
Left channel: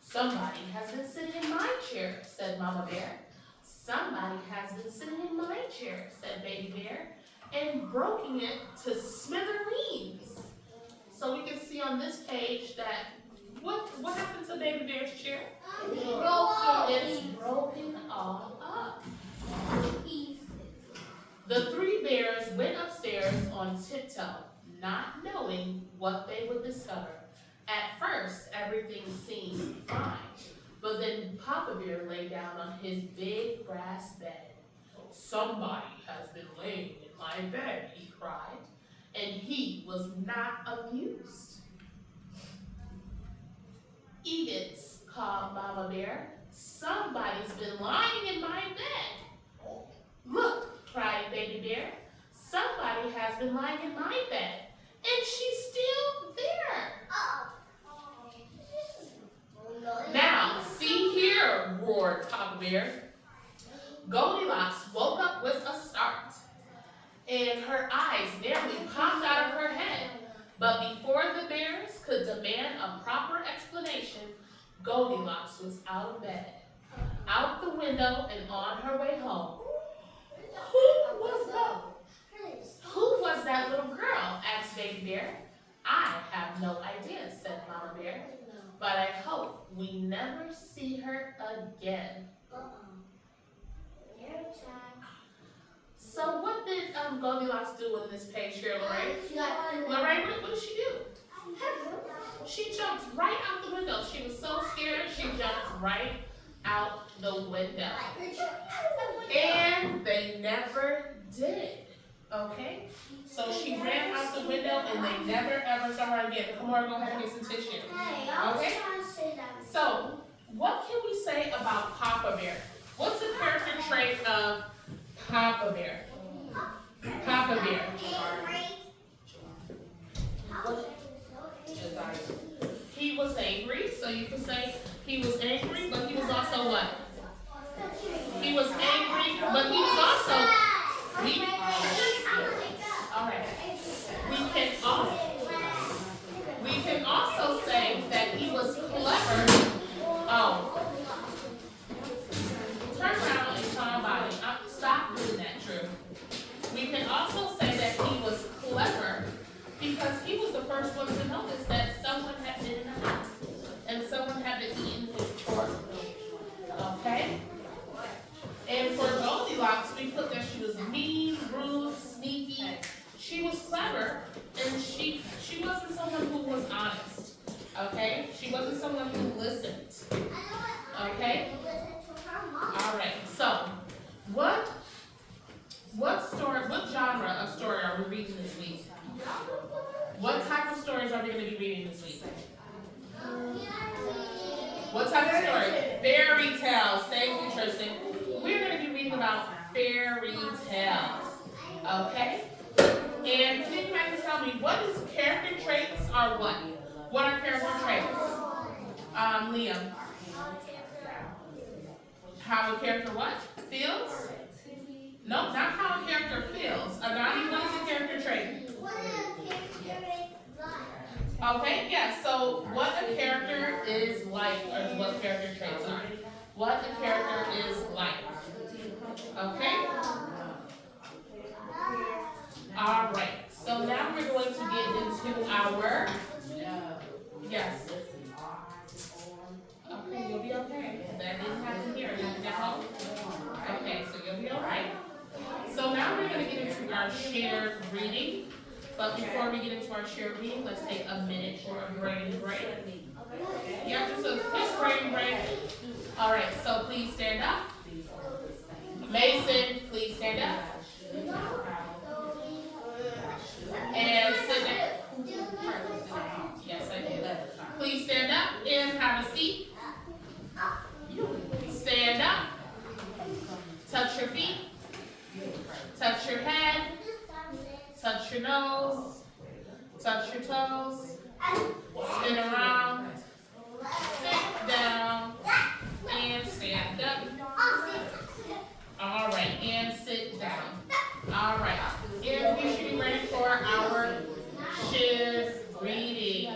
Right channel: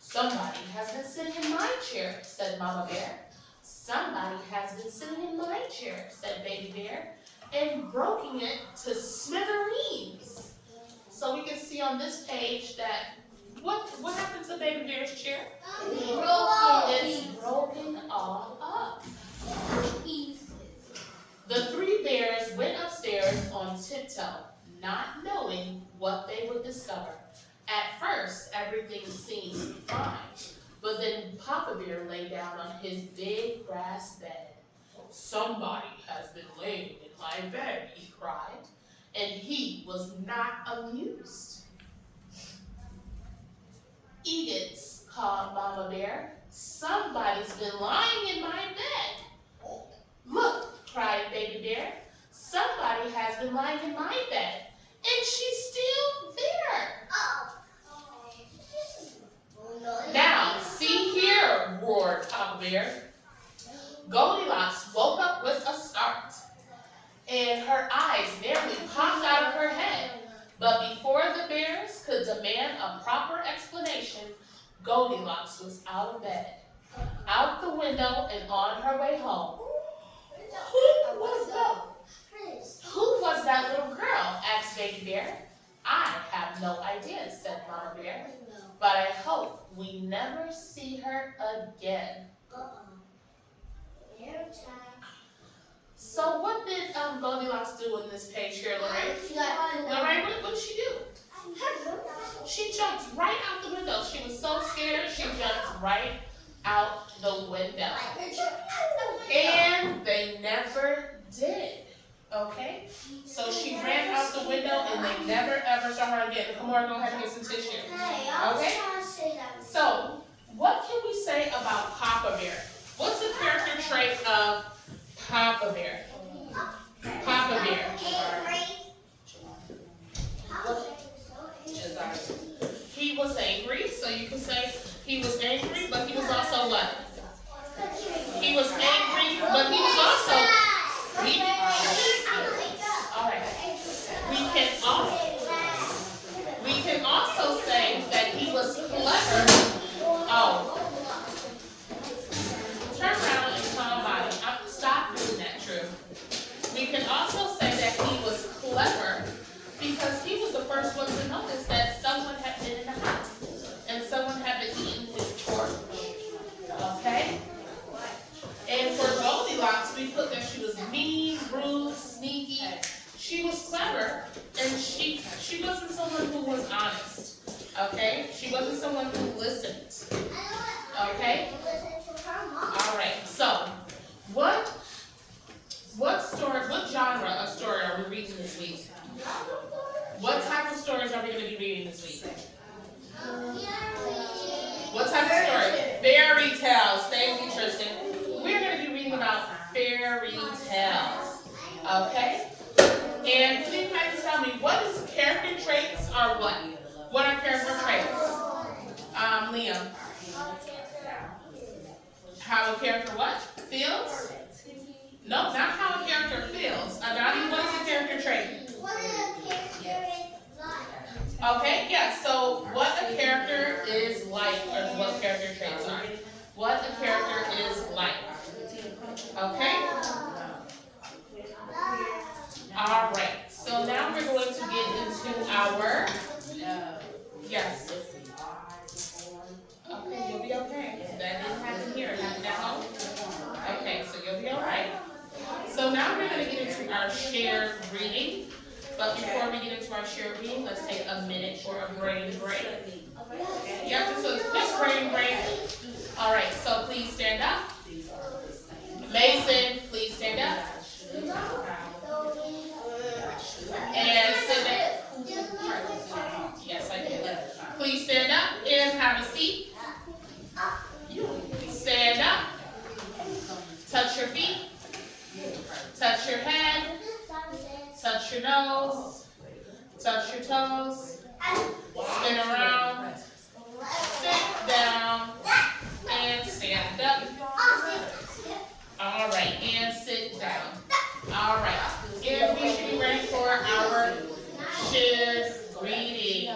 Somebody has been sitting in my chair, said Mama Bear. Somebody has been sitting in my chair, said Baby Bear, and broken it to smithereens. So we can see on this page that, what happened to Baby Bear's chair? It's broken all up. The three bears went upstairs on tiptoe, not knowing what they would discover. At first, everything seemed fine, but then Papa Bear lay down on his big brass bed. Somebody has been laying in my bed, he cried, and he was not amused. Ediths, called Mama Bear. Somebody's been lying in my bed. Look, cried Baby Bear. Somebody has been lying in my bed, and she's still there. Now, see here, roared Papa Bear. Goldilocks woke up with a start, and her eyes nearly popped out of her head. But before the bears could demand a proper explanation, Goldilocks was out of bed, out the window, and on her way home. Who was that little girl? Asked Baby Bear. I have no idea, said Mama Bear, but I hope we never see her again. So what did Goldilocks do in this page here, Lorraine? Lorraine, what did she do? She jumped right out the window. She was so scared, she jumped right out the window. And they never did. Okay? So she ran out the window and they never ever saw her again. Come on, go ahead and get some tissue. Okay? So, what can we say about Papa Bear? What's the character trait of Papa Bear? Papa Bear. He was angry, so you can say he was angry, but he was also what? He was angry, but he was also alright. We can also say that he was clever. Oh. Turn around and somebody. Stop doing that, True. We can also say that he was clever because he was the first one to notice that someone had been in the house and someone had been eating his chores. Okay? And for Goldilocks, we put that she was mean, rude, sneaky. She was clever, and she wasn't someone who was honest. Okay? She wasn't someone who listened. Okay? All right. So, what genre of story are we reading this week? What type of stories are we going to be reading this week? What type of story? Fairy tales. Thank you, Tristan. We're going to be reading about fairy tales. Okay? And can you guys tell me what is character traits or what? What are character traits? Liam. How a character what? Feels? No, not how a character feels. Adani, what is a character trait? Okay, yeah, so what a character is like, or what character traits are. What a character is like. Okay? Alright, so now we're going to get into our, yes. Okay, you'll be okay. That didn't happen here, it happened at home. Okay, so you'll be alright. So now we're going to get into our shared reading. But before we get into our shared reading, let's take a minute for a brain break. Yep, just a quick brain break. Alright, so please stand up. Mason, please stand up. And sit there. Yes, I did. Please stand up and have a seat. Stand up. Touch your feet. Touch your head. Touch your nose. Touch your toes. Spin around. Sit down. And stand up. Alright, and sit down. Alright, and we should be ready for our shared reading.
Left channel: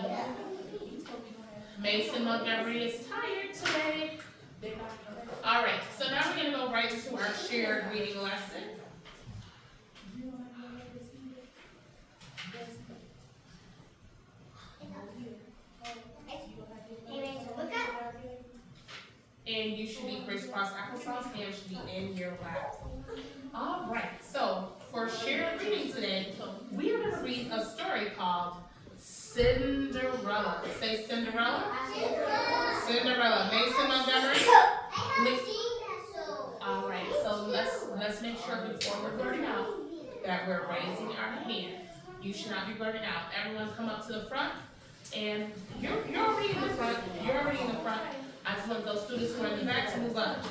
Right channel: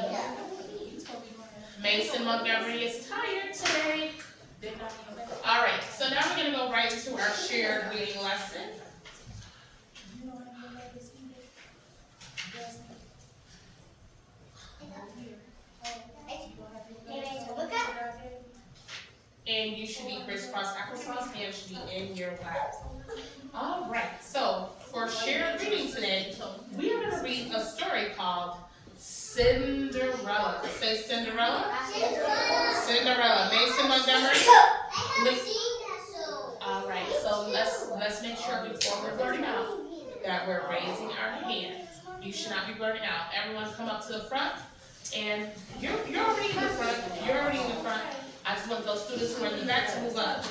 Mason Montgomery is tired today. Alright, so now we're going to go right into our shared reading lesson. and you should be crisscross applesauce and should be in your lap. All right, so for shared reading today, we are going to read a story called Cinderella. Say Cinderella. Cinderella. Mason Montgomery. All right, so let's make sure before we're blurting out that we're raising our hand. You should not be blurting out. Everyone come up to the front, and you're already in the front. You're already in the front. I just want those students who are in the back to move up.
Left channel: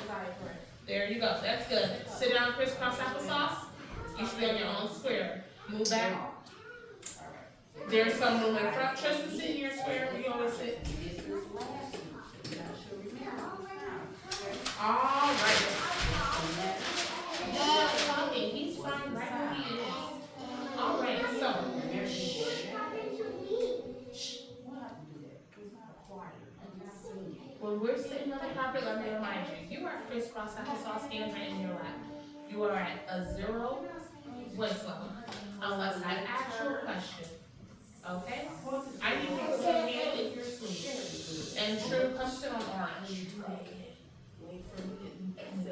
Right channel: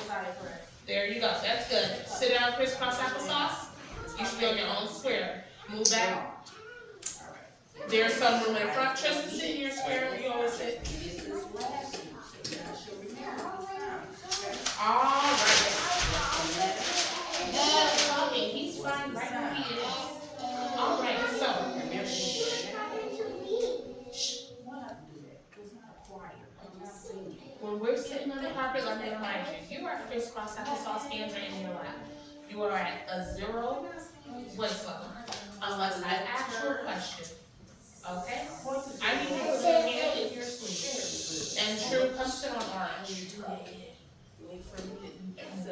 There you go. That's good. Sit down, crisscross applesauce. You should be on your own square. Move back. There's some room in front. Tristan, sit in your square. You always sit. All right. No, okay, he's fine right where he is. All right, so. When we're sitting on the carpet, let me remind you, you are crisscross applesauce, hands are in your lap. You are at a 0 voice level, unless I ask you a question. Okay? I need you to put your hand in your sleeve. And True, come sit on orange.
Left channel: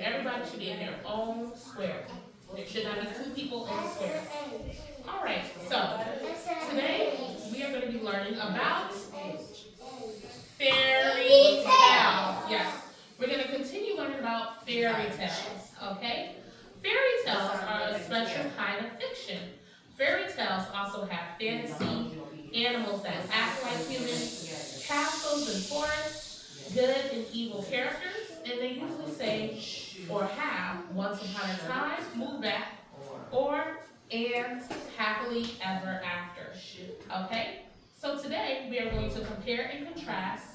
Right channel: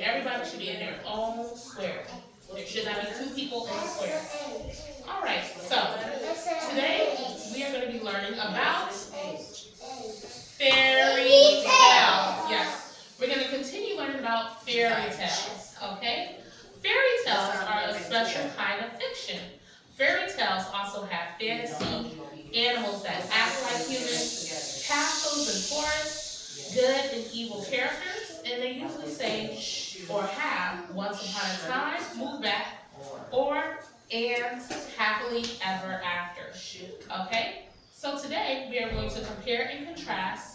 Everybody should be in their own square. There should not be 2 people in a square. All right, so today we are going to be learning about fairy tales. Yes, we're going to continue learning about fairy tales. Okay? Fairy tales are a special kind of fiction. Fairy tales also have fantasy, animals that act like humans, castles and forests, good and evil characters, and they usually say or have once upon a time, move back, or and happily ever after. Okay? So today we are going to compare and contrast.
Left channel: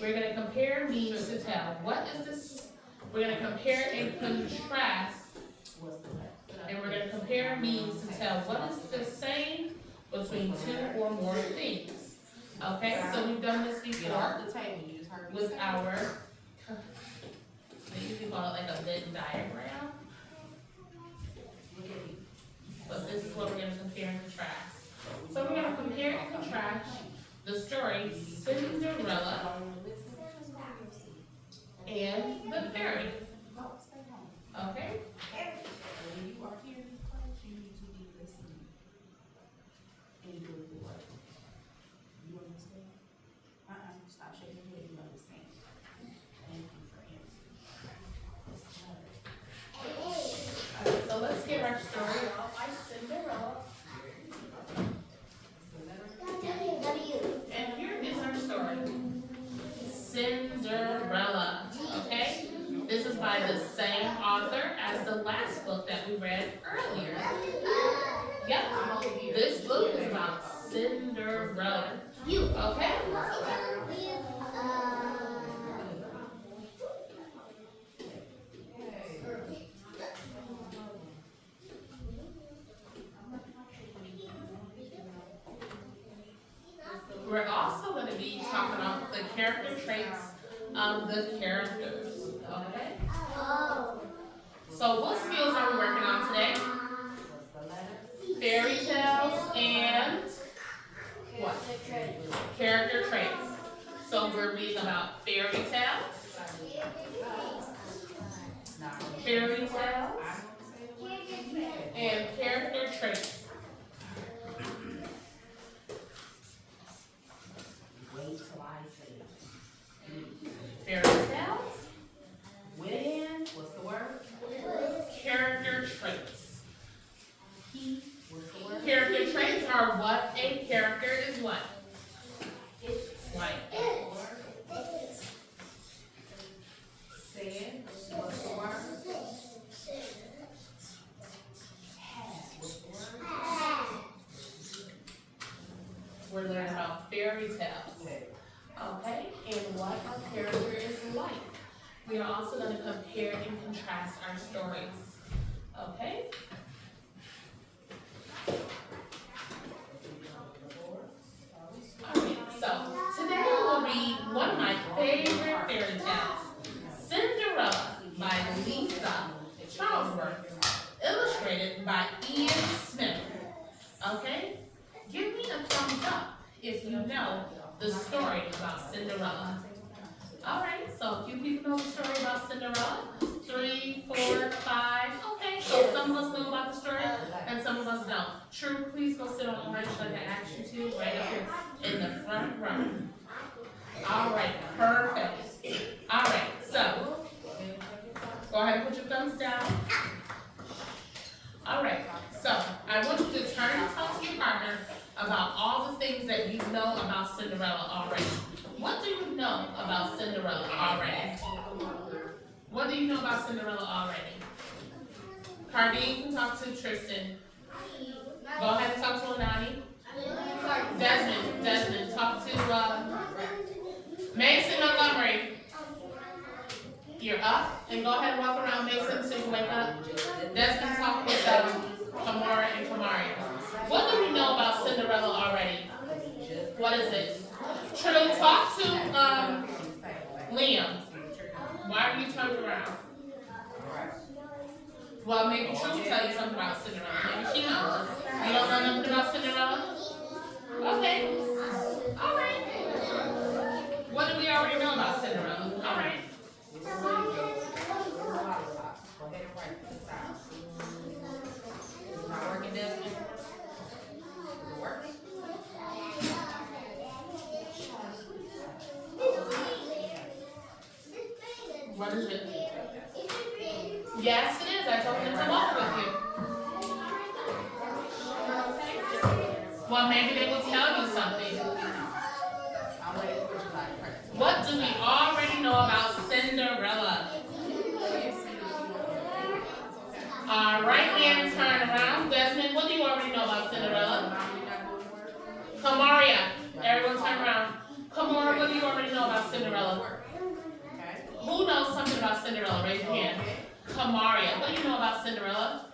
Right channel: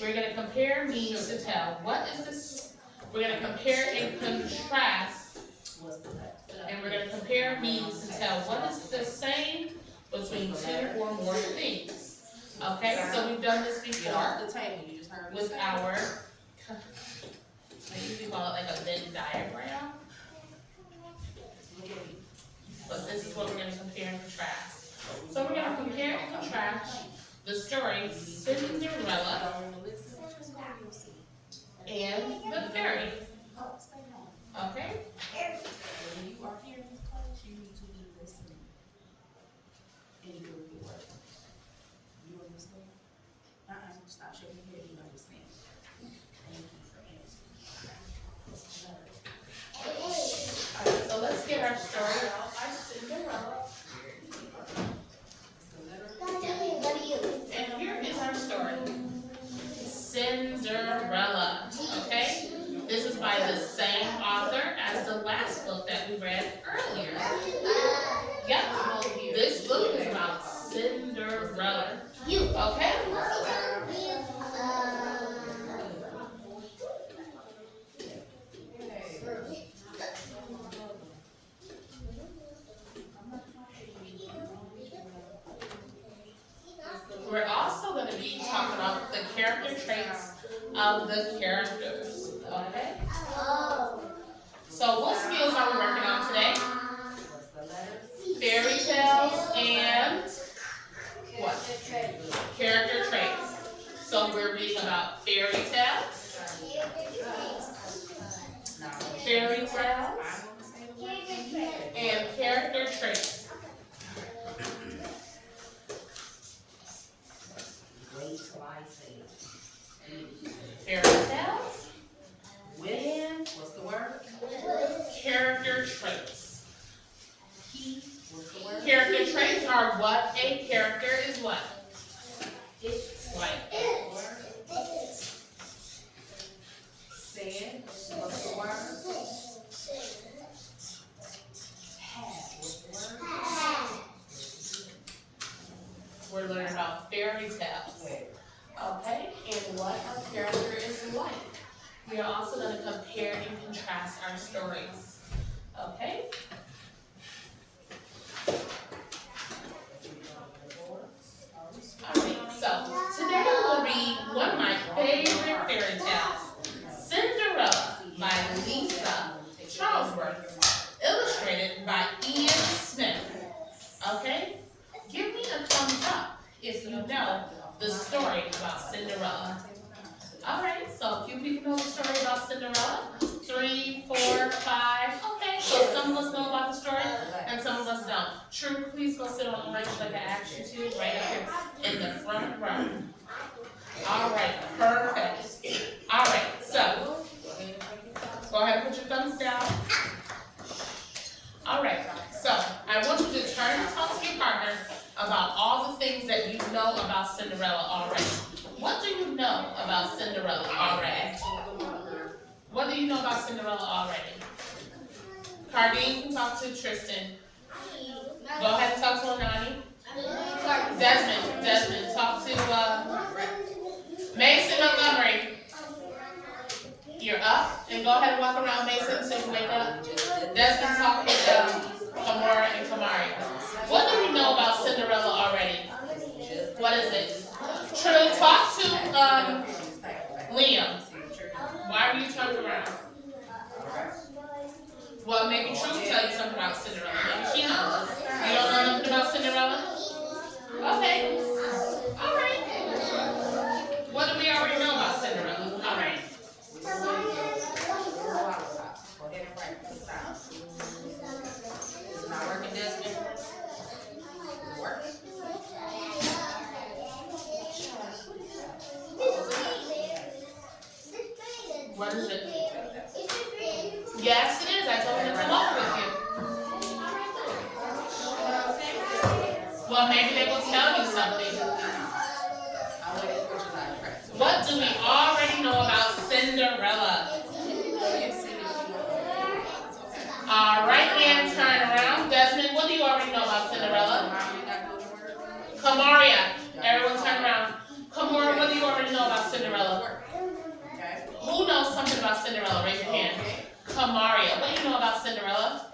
We're going to compare means to tell. What is this? We're going to compare and contrast. And we're going to compare means to tell what is the same between 2 or more things. Okay, so we've done this before with our, they usually call it like a Venn diagram. But this is what we're going to compare and contrast. So we're going to compare and contrast the story Cinderella and the fairy. Okay? When you are here in this class, you need to be listening and doing the work. You understand? Stop shaking your head, you understand. Thank you for answering. Alright, so let's get our story out by Cinderella. And here is our story. Cinderella. Okay? This is by the same author as the last book that we read earlier. Yep, this book is about Cinderella. Okay? We're also going to be talking about the character traits of the characters. Okay? So what skills are we working on today? Fairy tales and what? Character traits. So we're reading about fairy tales. Fairy tales. And character traits. Fairy tales. With, what's the word? Character traits. What's the word? Character traits are what a character is what? Right. Said, what's the word? Have, what's the word? We're learning about fairy tales. Okay, and what a character is like. We are also going to compare and contrast our stories. Okay? Alright, so today we'll read one of my favorite fairy tales, Cinderella by Lisa Charlesworth, illustrated by Ian Smith. Okay? Give me a thumbs up if you know the story about Cinderella. All right, so a few people know the story about Cinderella. 3, 4, 5. Okay, so some of us know about the story and some of us don't. True, please go sit on orange like I asked you to, right up here in the front row. All right, perfect. All right, so go ahead and put your thumbs down. All right, so I want you to turn and talk to your partner about all the things that you know about Cinderella already. What do you know about Cinderella already? What do you know about Cinderella already? Cardine can talk to Tristan. Go ahead and talk to Onani. Desmond, talk to Mason Montgomery. You're up, and go ahead and walk around Mason so you can wake up. Desmond, talk with Kamora and Kamaria. What do you know about Cinderella already? What is it? True, talk to Liam. Why are you turning around? Well, maybe True will tell you something about Cinderella. Maybe she knows. You don't know nothing about Cinderella? Okay. All right. What do we already know about Cinderella? All right. It's not working, Desmond? Work? What is it? Yes, it is. I told him to come over with you. Well, maybe they will tell you something. What do we already know about Cinderella? All right, and turn around. Desmond, what do you already know about Cinderella? Kamaria, everyone turn around. Kamora, what do you already know about Cinderella? Who knows something about Cinderella? Raise your hand. Kamaria, what do you know about Cinderella?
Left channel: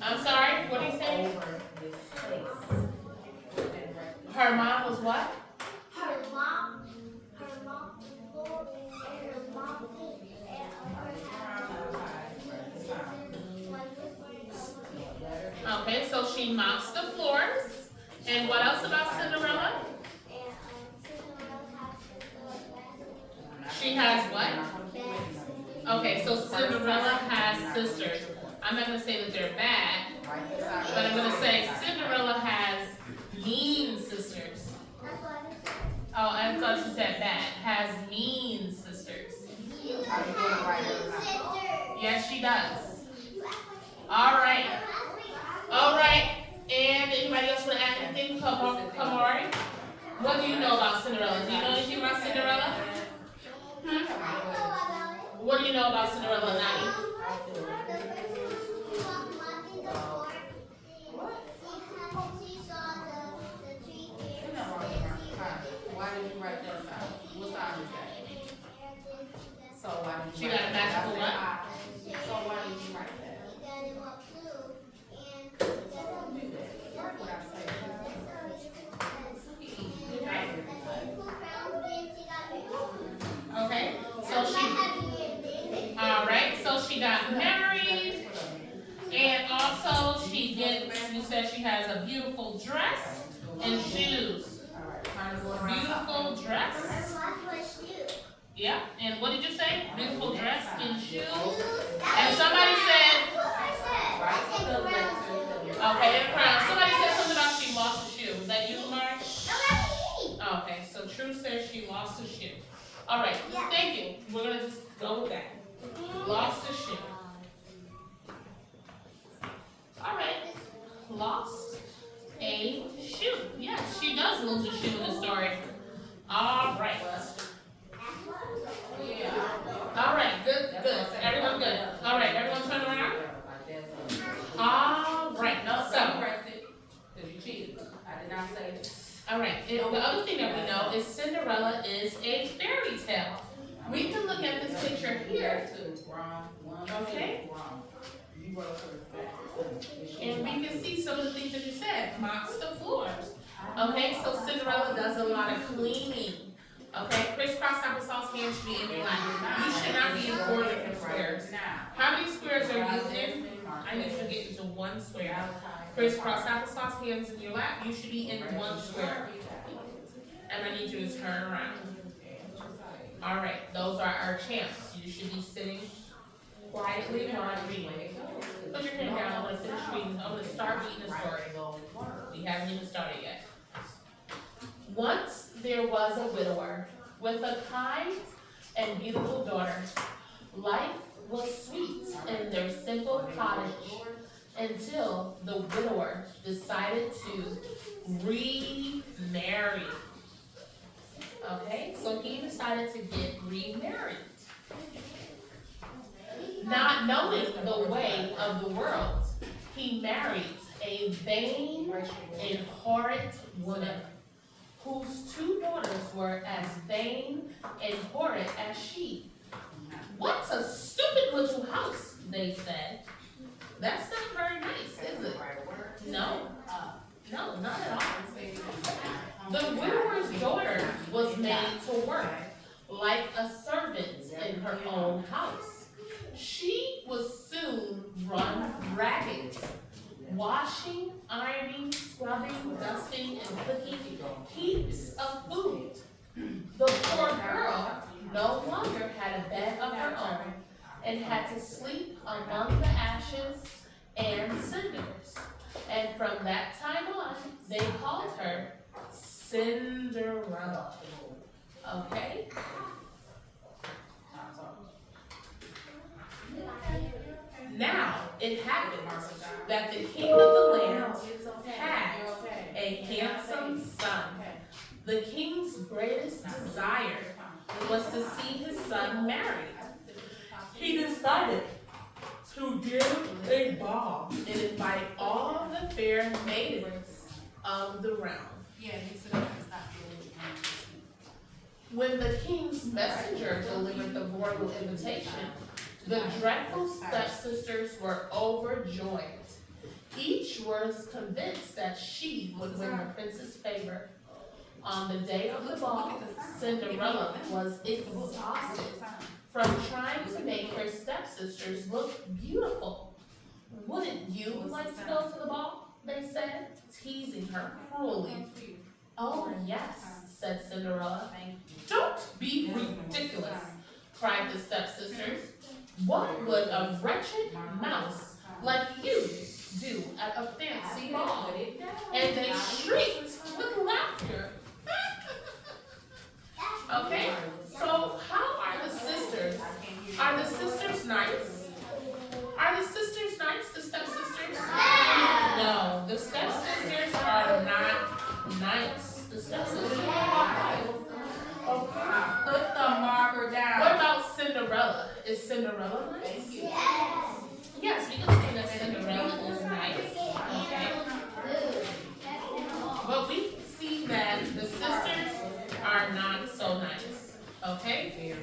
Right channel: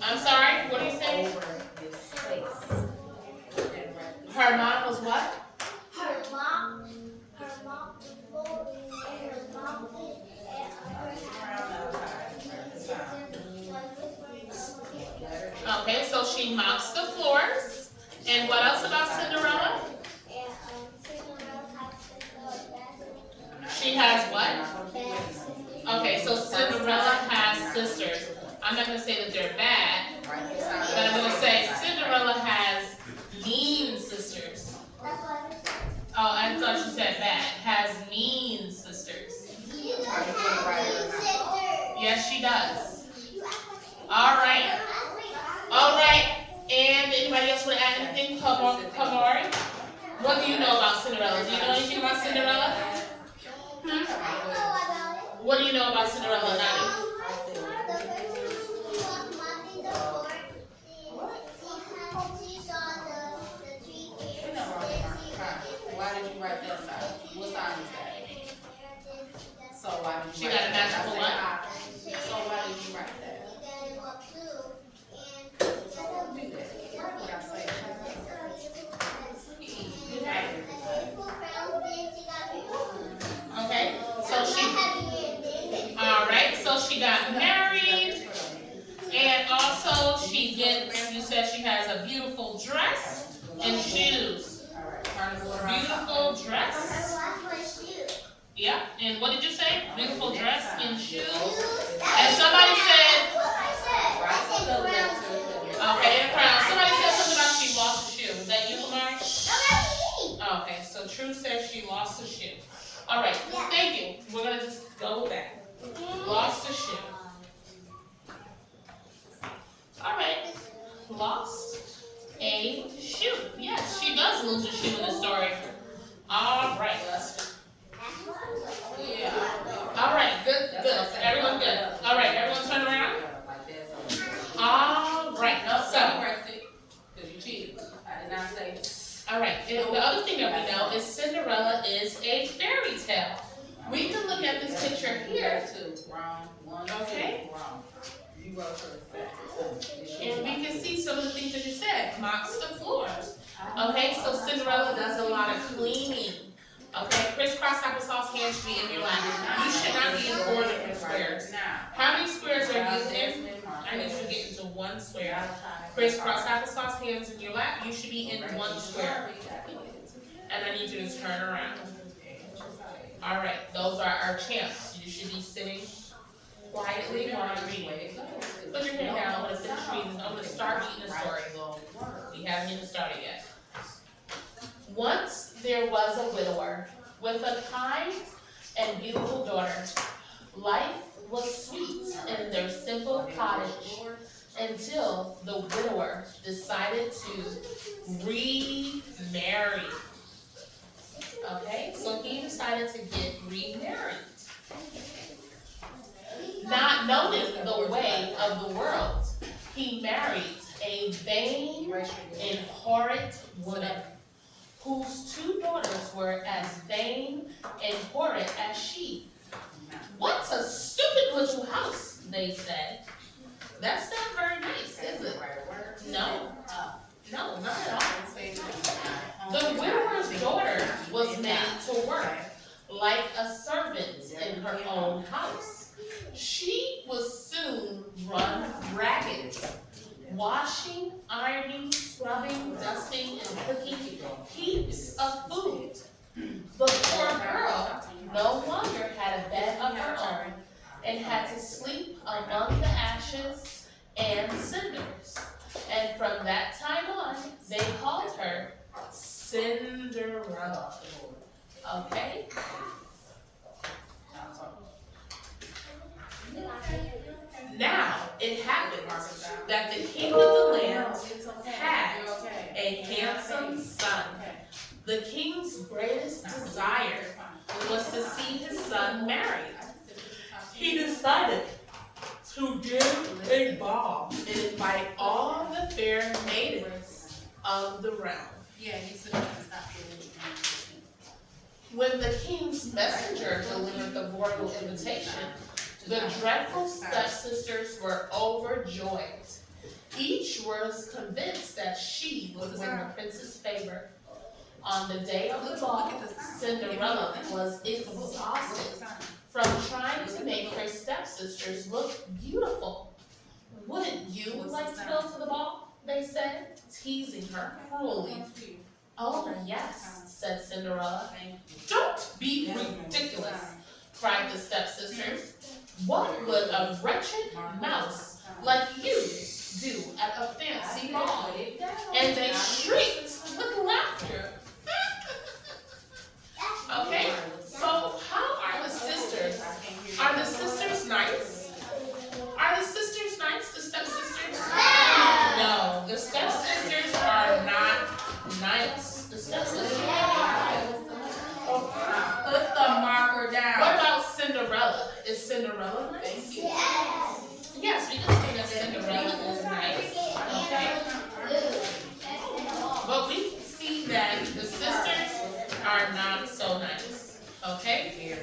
I'm sorry, what do you say? Her mom was what? Her mom Okay, so she mops the floors. And what else about Cinderella? She has what? Okay, so Cinderella has sisters. I'm not going to say that they're bad, but I'm going to say Cinderella has mean sisters. Oh, I thought you said bad. Has mean sisters. Yes, she does. All right. All right. And anybody else want to add anything? Kamari? What do you know about Cinderella? Do you know anything about Cinderella? What do you know about Cinderella, Nani? Why did you write that song? What song is that? So why did She you got write a that? magical what? So why did you write that? Don't do that. Work what I say. Okay, so she got married, and also she gets, you said she has a beautiful dress and shoes. Beautiful dress. Yeah, and what did you say? Beautiful dress and shoes. And somebody said, okay, and a crown. Somebody said something about she lost a shoe. Was that you, Lamar? Okay, so True says she lost a shoe. All right, thank you. We're gonna just go with that. Lost a shoe. All right, lost a shoe. Yes, she does lose a shoe in the story. All right. Yeah. All right, good. Everyone good. All right, everyone turn around. All right, so. All right, and the other thing that we know is Cinderella is a fairy tale. We can look at this picture here. Okay. And we can see some of the things that you said. Mops the floors. Okay, so Cinderella does a lot of cleaning. Okay, crisscross applesauce hands should be in your lap. You should not be in 4 different squares. squares. How many squares are you in? I need you to get into one square. Crisscross applesauce, hands in your lap. You should be in one square. And I need you to turn around. All right, those are our champs. You should be sitting quietly while I'm reading. Put your hand down. I'm going to finish reading. I'm going to start reading the story. We haven't even started yet. Once there was a widower with a kind and beautiful daughter. Life was sweet in their simple cottage until the widower decided to remarry. Okay, so he decided to get remarried. Not knowing the way of the world, he married a vain and horrid woman, whose two daughters were as vain and horrid as she. What's a stupid little house, they said. That's not very nice, is it? No, no, not at all. The widower's daughter was made to work like a servant in her own house. She was soon run ragged, washing, ironing, scrubbing, dusting, and cooking heaps of food. The poor girl no longer had a bed of her own and had to sleep among the ashes and cinders. And from that time on, they called her Cinderella. Okay? Now, it happened that the king of the land had a handsome son. The king's greatest desire was to see his son married. He decided to give a ball and invite all the fair maidens of the realm. When the king's messenger delivered the royal invitation, the dreadful stepsisters were overjoyed. Each was convinced that she would win the prince's favor. On the day of the ball, Cinderella was exhausted from trying to make her stepsisters look beautiful. Wouldn't you like to go to the ball? They said, teasing her cruelly. Oh, yes, said Cinderella. Don't be ridiculous, cried the stepsisters. What would a wretched mouse like you do at a fancy ball? And they shrieked with laughter. Okay, so how are the sisters? Are the sisters nice? Are the sisters nice, the stepsisters? No, the stepsisters are not nice. The stepsisters are not. Put the marker down. What about Cinderella? Is Cinderella nice? Yes, we can say that Cinderella is nice. Okay. But we see that the sisters are not so nice. Okay?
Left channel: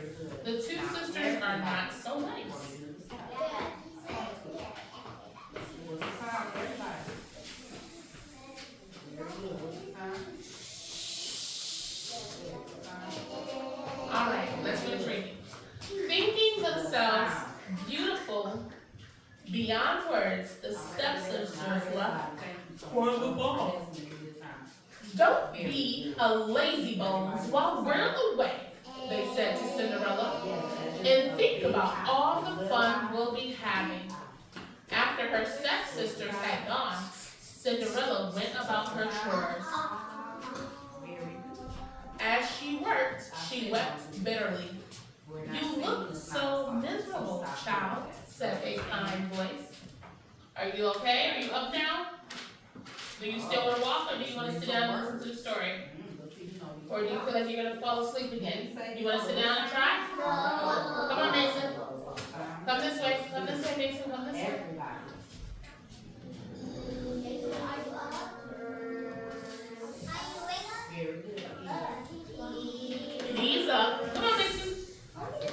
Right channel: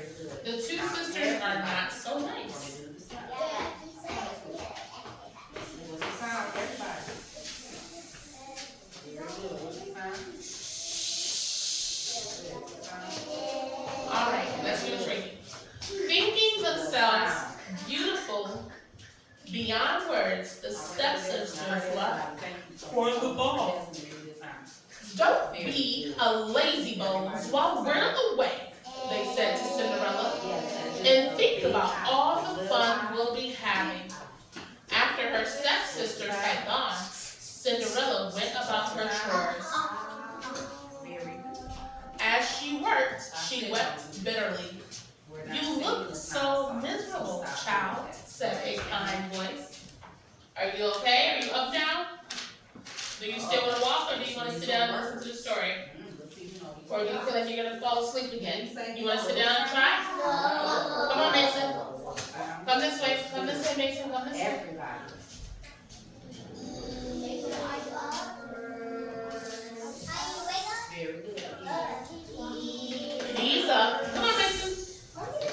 The two sisters are not so nice. Alright, let's finish reading. Thinking themselves beautiful beyond words, the stepsisters left for the ball. Don't be a lazy bones while we're away, they said to Cinderella, and think about all the fun we'll be having. After her stepsisters had gone, Cinderella went about her chores. As she worked, she wept bitterly. You look so miserable, child, said a kind voice. Are you okay? Are you up now? Do you still want to walk, or do you want to sit down and listen to the story? Or do you feel like you're going to fall asleep again? You want to sit down and try? Come on, Mason. Come this way. Come this way, Mason. Come this way. Knees up. Come on, Mason.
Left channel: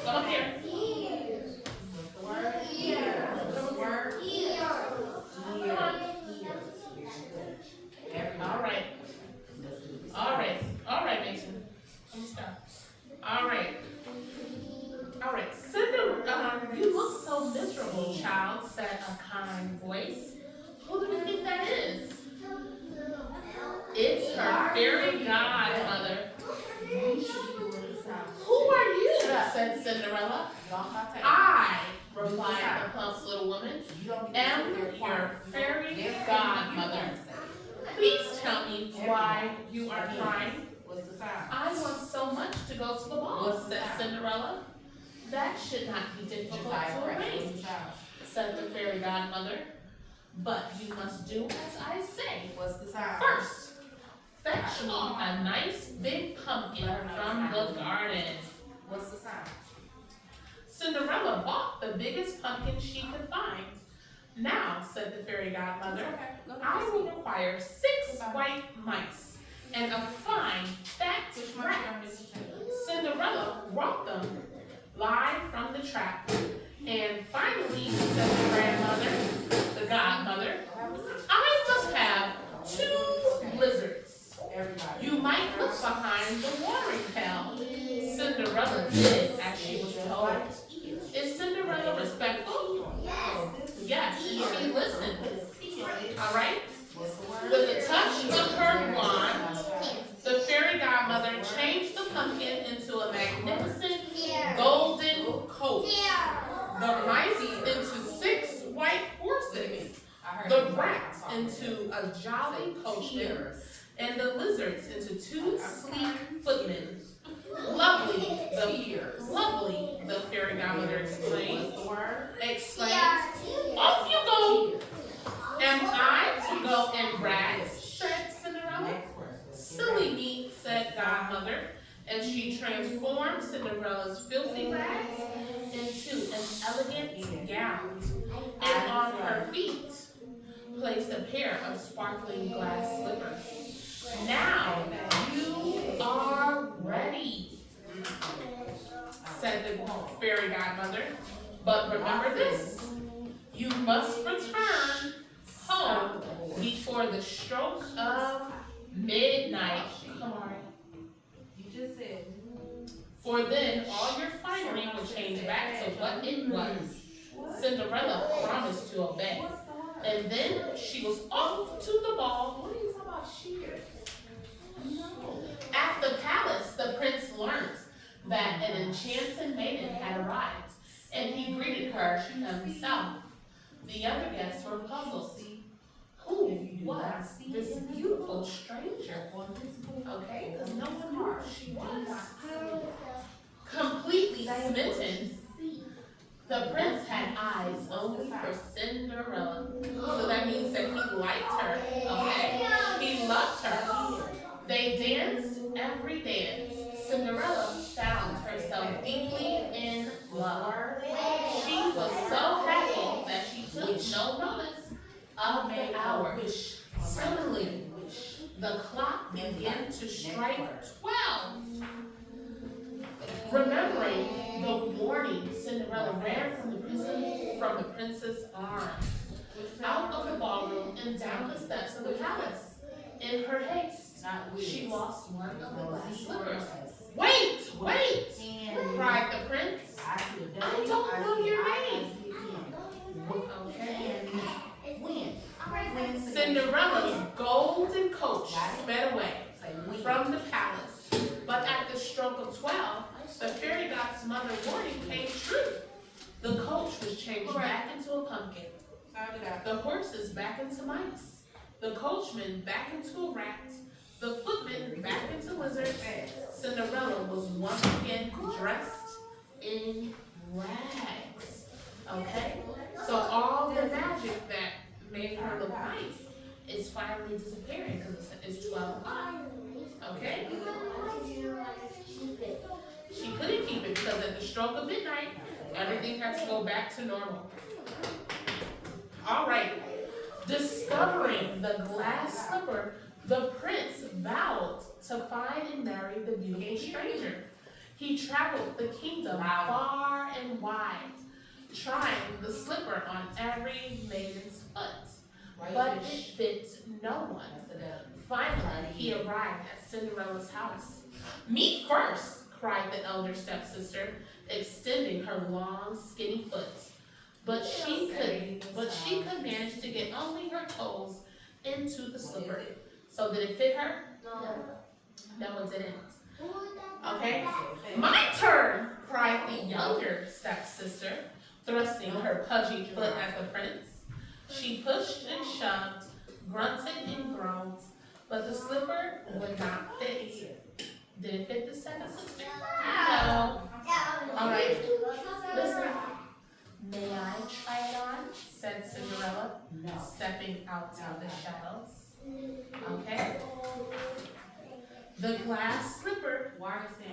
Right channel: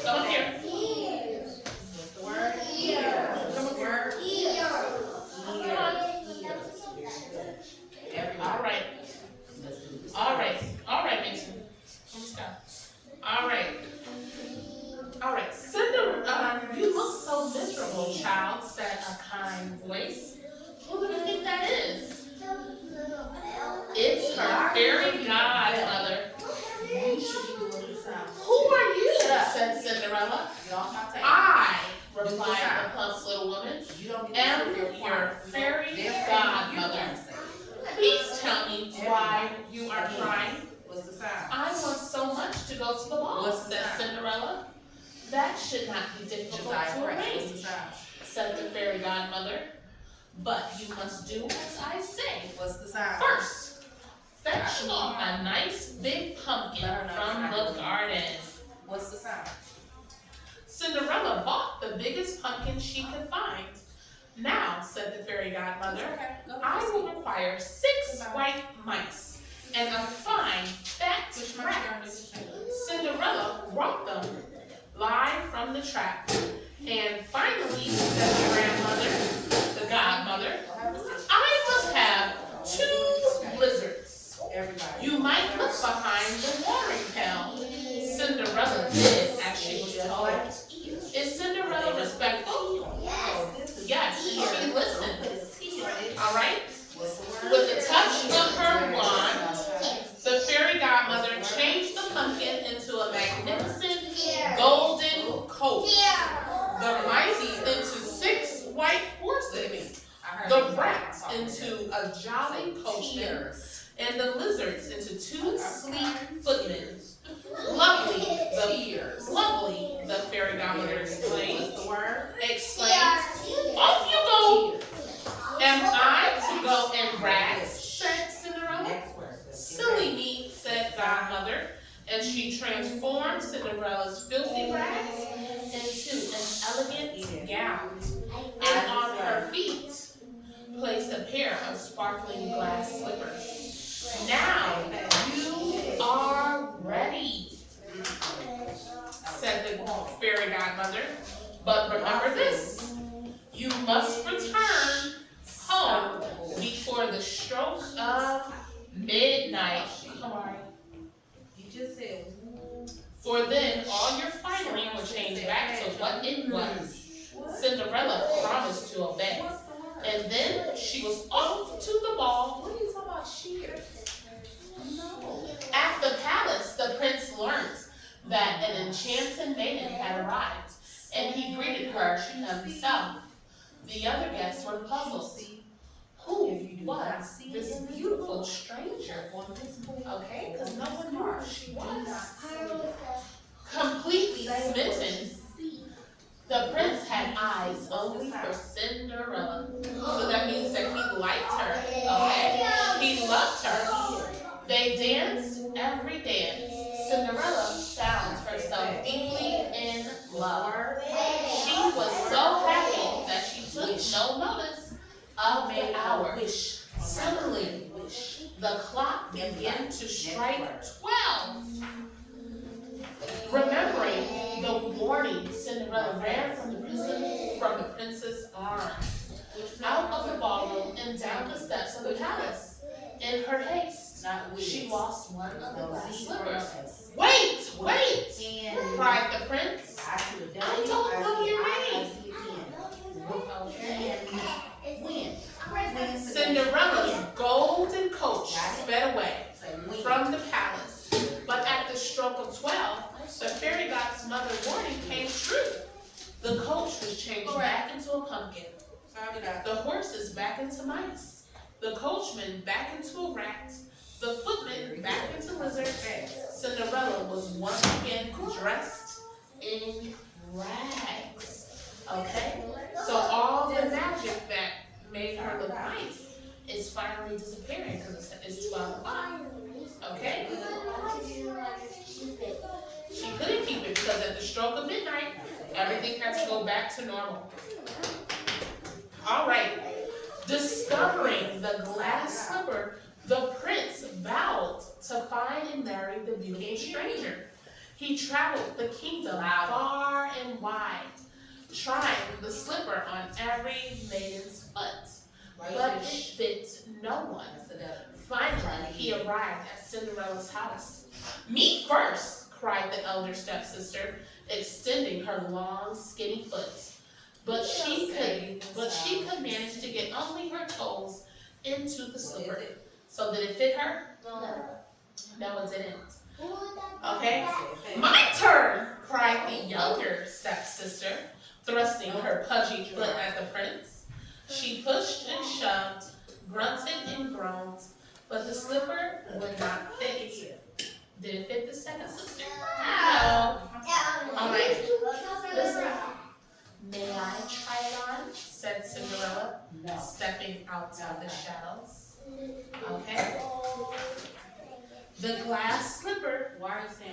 Come up here. All right, Mason. Come stop. All right. Cinderella, you look little child, said a kind voice. Who do we think that is? It's her fairy godmother. You should be doing the sound. Who are you? Said Cinderella. Get off my table. I, replied the plump little woman, You don't get am to sit your fairy There's godmother. something you wanna say. Please tell me why you are crying. What's the sound? I want so much to go to the ball, What's the said sound? Cinderella. That should not be difficult Josiah to Price, what's arrange, the sound? said the fairy godmother. But you must do as I say. What's the sound? First, fetch me a nice big pumpkin from the garden. What's the sound? Cinderella bought the biggest pumpkin she could find. Now, said the fairy godmother, Okay, go I ahead. will require 6 white mice and a fine fat Which rat. one is your Cinderella brought them live from the trap. And finally, said the grandmother, the godmother, I must have 2 lizards. Everybody. You might look behind the watering pail. Cinderella did as she was told. Is Cinderella respectful? Yes, she listened. Alright? With a touch of her wand, the fairy godmother changed the pumpkin into a magnificent golden coat. The mice into 6 white horses, the rats into a jolly coachman, and the lizards into 2 sleek footmen. Lovely, the fairy godmother exclaimed. Off you go! Am I to go in rags? Said Cinderella. Silly me, said godmother, and she transformed Cinderella's filthy rags into an elegant gown, and on her feet placed a pair of sparkling glass slippers. Now you are ready, said the fairy godmother. But remember this, you must return home before the stroke of midnight. Come on. You just said. For then all your finery will change back to what it was. Cinderella promised to obey. What's the word? And then she was off to the ball. What are you talking about? Shears? No. At the palace, the prince learned that an enchanted maiden had arrived, and he greeted her himself. The other guests were puzzled. Who was this beautiful stranger? Okay, because no one knew who she was. Completely smitten, the prince had eyes only for Cinderella. So that means that he liked her, okay? He loved her. They danced every dance. Cinderella found herself deeply in love. She was so happy that she took no notice of the hour. Suddenly, the clock began to strike 12. Remembering the warning, Cinderella ran from the prince's arms, out of the ballroom and down the steps of the palace. In her haste, she lost one of the glass slippers. Wait! Cried the prince. I don't know your name. Okay. Cinderella's golden coach sped away from the palace. But at the stroke of 12, the fairy godmother warning came true. The coach was changed back into a pumpkin. The horses back into mice. The coachman back into a rat. The footman back into lizards. Cinderella was once again dressed in rags. Okay? So all the magic that made her look nice is finally disappearing because it's 12 o'clock. Okay? She couldn't keep it because at the stroke of midnight, everything had to go back to normal. All right. Discovering the glass slipper, the prince vowed to find and marry the beautiful stranger. He traveled the kingdom far and wide, trying the slipper on every maiden's foot, but it fit no one. Finally, he arrived at Cinderella's house. "Me first!" cried the elder stepsister, extending her long, skinny foot. But she could manage to get only her toes into the slipper. So did it fit her? No, it didn't. Okay, my turn, cried the younger stepsister, thrusting her pudgy foot at the prince. She pushed and shoved, grunted and groaned, but the slipper would not fit. Did it fit the second sister? No. Alright, listen. May I try it on? Said Cinderella, stepping out of the shadows. Okay. The glass slipper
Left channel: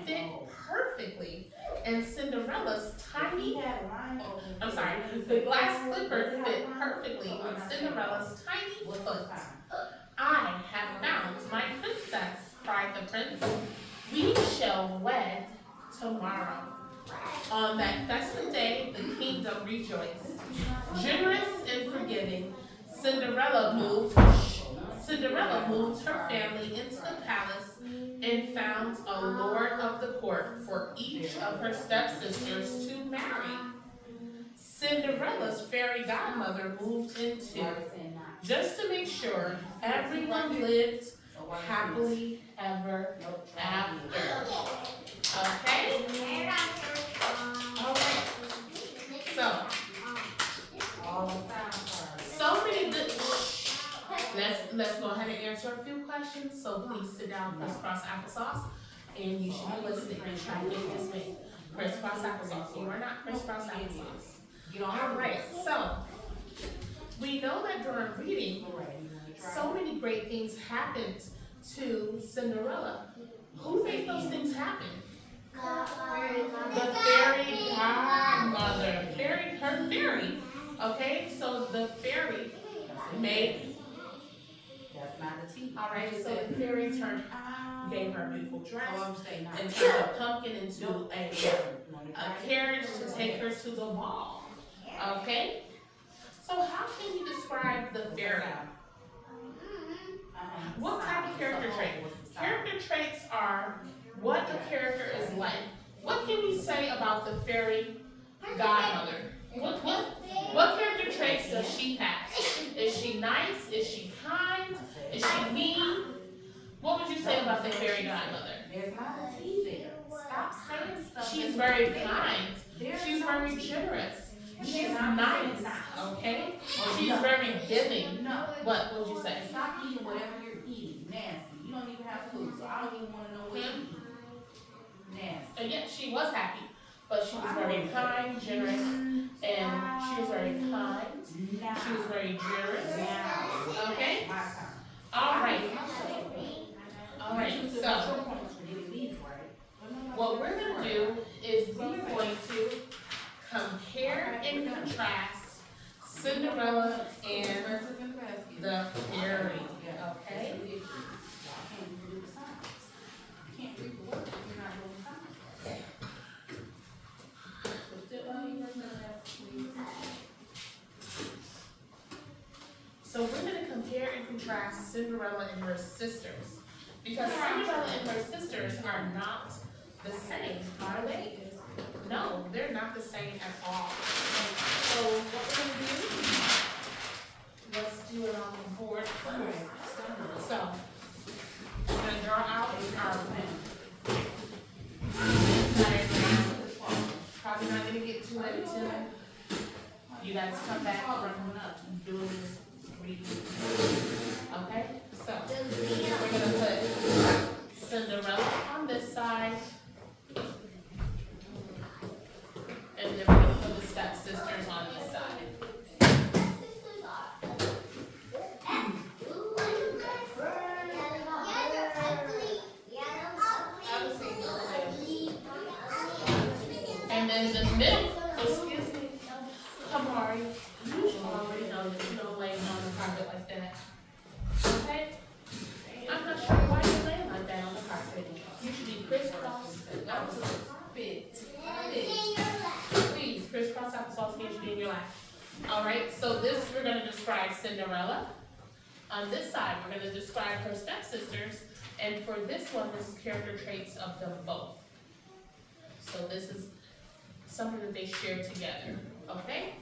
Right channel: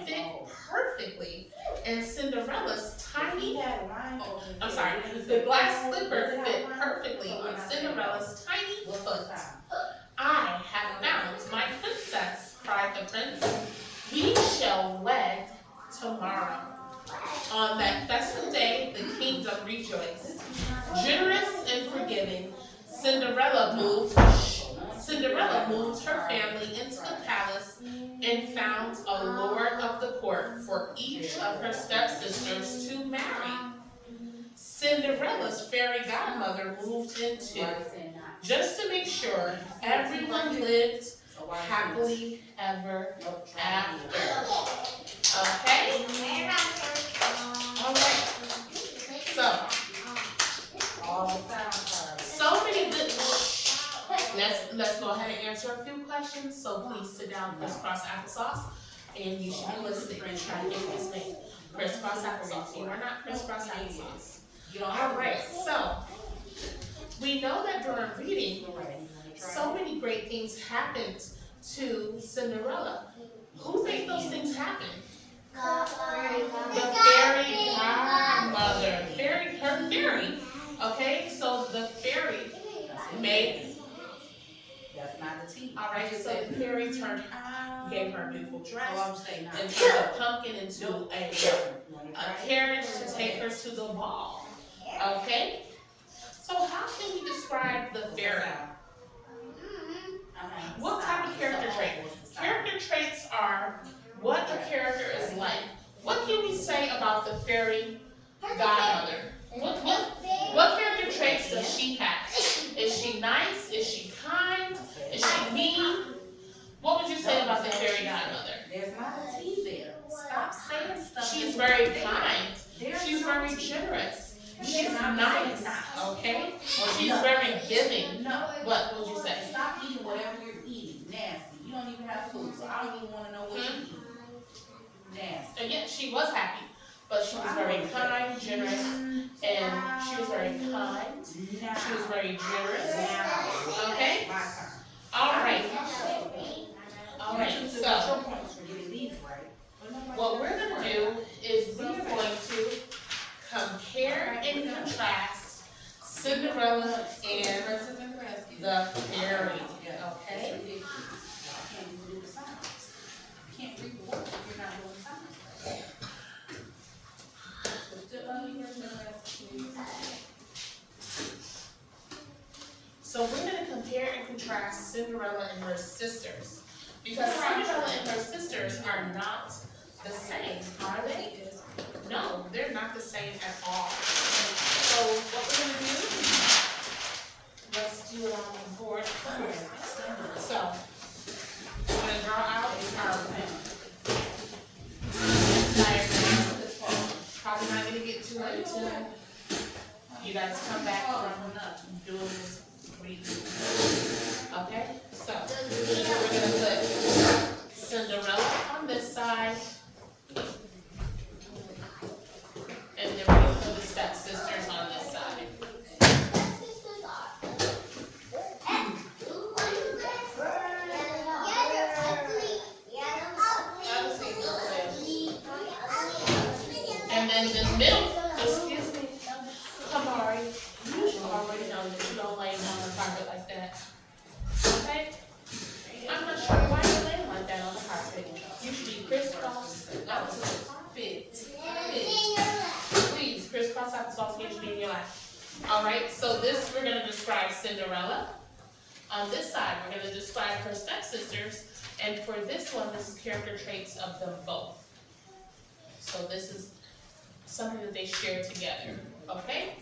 fit perfectly in Cinderella's tiny, the glass slipper fit perfectly on Cinderella's tiny foot. I have found my princess, cried the prince. We shall wed tomorrow. On that festive day, the kingdom rejoiced. Generous and forgiving, Cinderella moved her family into the palace and found a lord of the court for each of her stepsisters to marry. Cinderella's fairy godmother moved in too, just to make sure everyone lived happily ever after. Okay? Alright. So many good. Let's go ahead and answer a few questions. So please sit down, crisscross applesauce, and you should be listening and try to get this made. Crisscross applesauce. You are not crisscross applesauce. Alright, so we know that during reading, so many great things happened to Cinderella. Who made those things happen? The fairy godmother. Her fairy. Okay, so the fairy made. That's not the tea. Alright, so the fairy gave her a beautiful dress and turned a pumpkin into a carriage to take her to the ball. Okay? So how can we describe the fairy? What type of character trait? Character traits are what the character is like. What can we say about the fairy godmother? What character traits does she have? Is she nice? Is she kind? Is she mean? What would you say about the fairy godmother? There's not a tea there. Stop saying stuff. She's very kind. She's very generous. She's nice. Okay? She's very giving. No. What would you say? Stop eating whatever you're eating. Nasty. You don't even have food, so I don't even want to know what you're eating. Nasty. And yet she was happy, but she was very kind, generous, and she was very kind. She was very generous. Okay? My turn. All right. All right. So what we're going to do is we are going to compare and contrast Cinderella and the fairy. Okay? Can't read the words if you're not doing signs. So we're going to compare and contrast Cinderella and her sisters. Because Cinderella and her sisters are not the same, are they? No, they're not the same at all. So what we're going to do, let's do it on the board first. So, we're going to draw out our diagram. Probably not going to get to it until you guys come back from doing this reading. Okay? So, we're going to put Cinderella on this side. And then we're going to put the stepsisters on this side. And then the middle, excuse me, Kamari, you should already know that you don't lay on the carpet like that. Okay? I'm not sure why you're laying like that on the carpet. You should be crisscross on the carpet. Please, crisscross applesauce here should be in your lap. Alright, so this, we're going to describe Cinderella. On this side, we're going to describe her stepsisters. And for this one, this is character traits of them both. So this is something that they share together. Okay?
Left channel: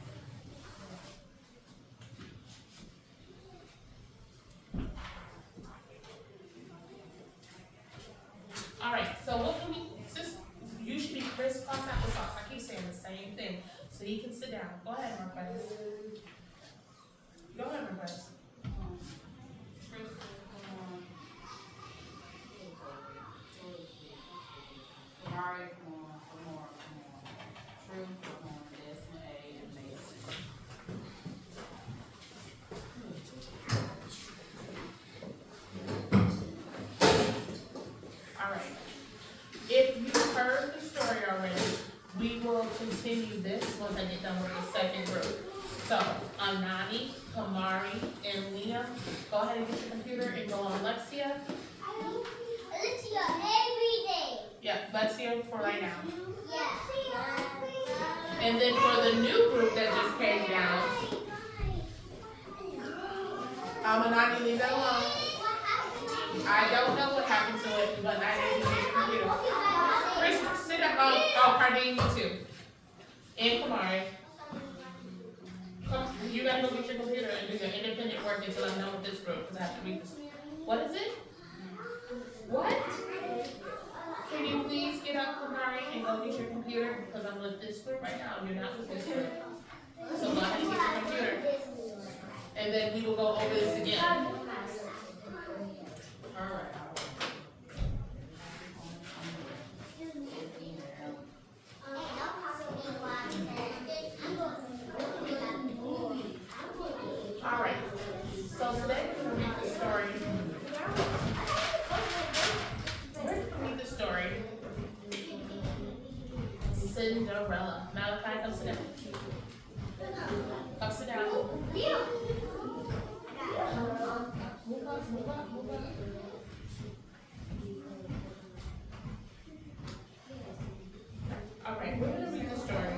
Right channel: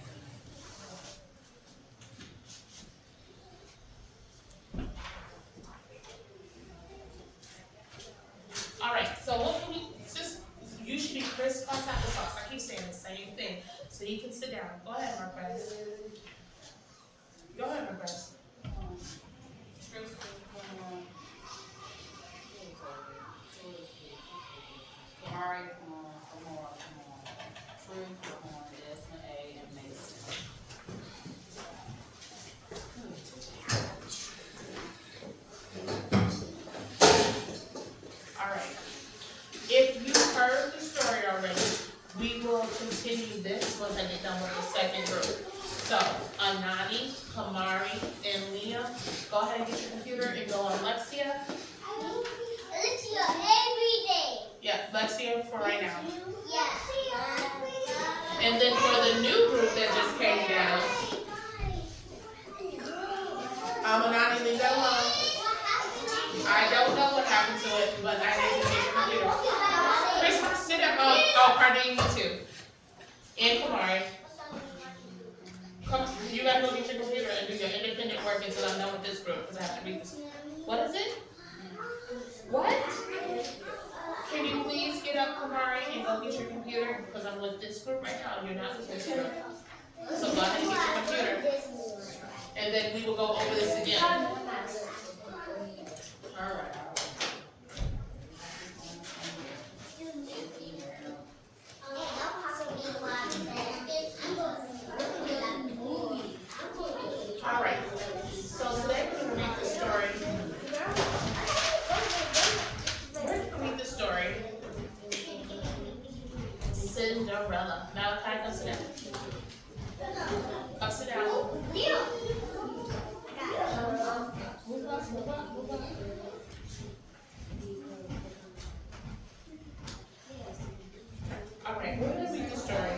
second group. So, Anani, Kamari, and Liam, go ahead and get your computer and go on Lexia. Lexia every day. Yeah, Lexia for right now. Yeah. And then for the new group that just came down, Anani, leave that alone. I don't know what happened to it, but I need to get your computer. Chris, sit down. Oh, Cardi, you too. And Kamari. Come, you gotta go get your computer and do your independent work until I'm done with this group, because I have to read this. What is it? What? Can you please get up, Kamari, and go get your computer? Because I'm with this group right now, and you're not with this group. So go ahead and get your computer. And then we will go over this again. Alright. Alright. So today we're going to read the story. We're going to read the story Cinderella. Malachi, come sit down. Come sit down. Move up, move up, move up. Alright, we're going to read the story.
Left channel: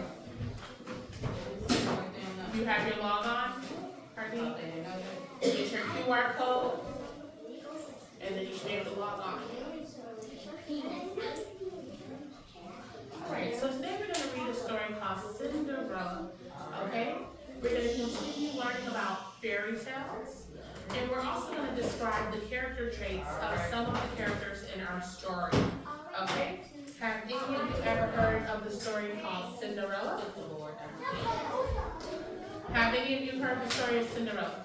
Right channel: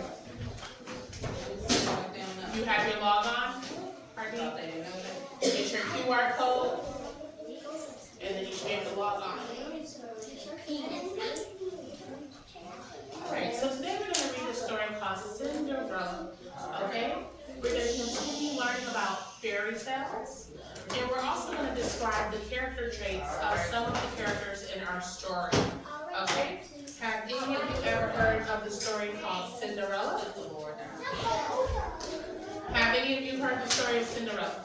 You have your log on? Pardon? Get your QR code. And then you should be able to log on. Alright, so today we're going to read a story called Cinderella. Okay? We're going to continue learning about fairy tales. And we're also going to describe the character traits of some of the characters in our story. Okay? Have any of you ever heard of the story called Cinderella? Have any of you heard the story of Cinderella?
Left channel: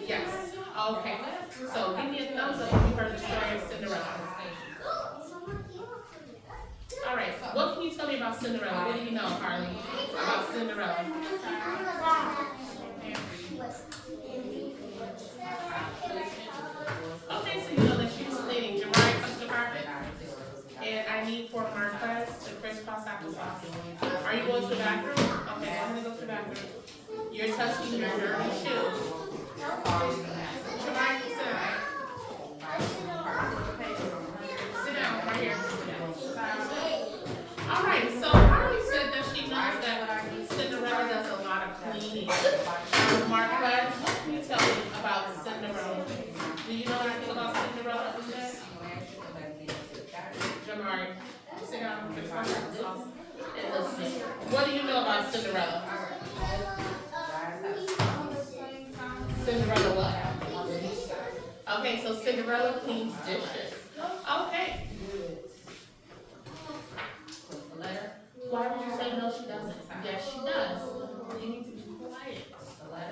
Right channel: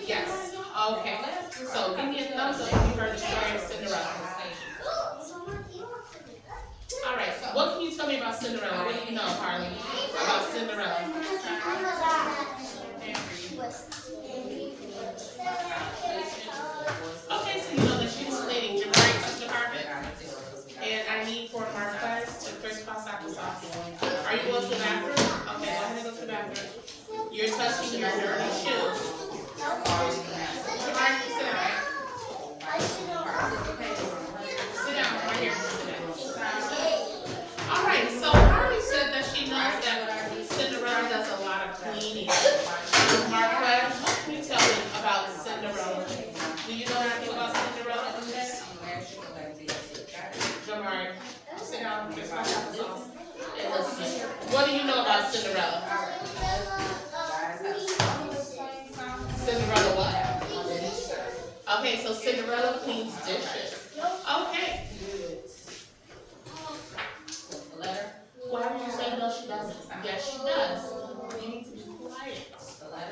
Yes. Okay. So give me a thumbs up if you heard the story of Cinderella. Alright, what can you tell me about Cinderella? What do you know, Harley, about Cinderella? Okay, so you know that she was a lady. Jamari, touch the carpet. And I need 4 markers to crisscross applesauce. Are you going to the bathroom? Okay, go ahead and go to the bathroom. You're touching your dirty shoes. Jamari, sit down. Sit down, right here. Alright, so Harley said that she knows that Cinderella does a lot of cleaning. Marquez, what can you tell me about Cinderella? Do you know anything about Cinderella? Jamari, sit down, get some applesauce, and listen. What do you know about Cinderella? Cinderella what? Okay, so Cinderella cleans dishes. Okay. Why would you say no, she doesn't? Yes, she does. You need to be quiet.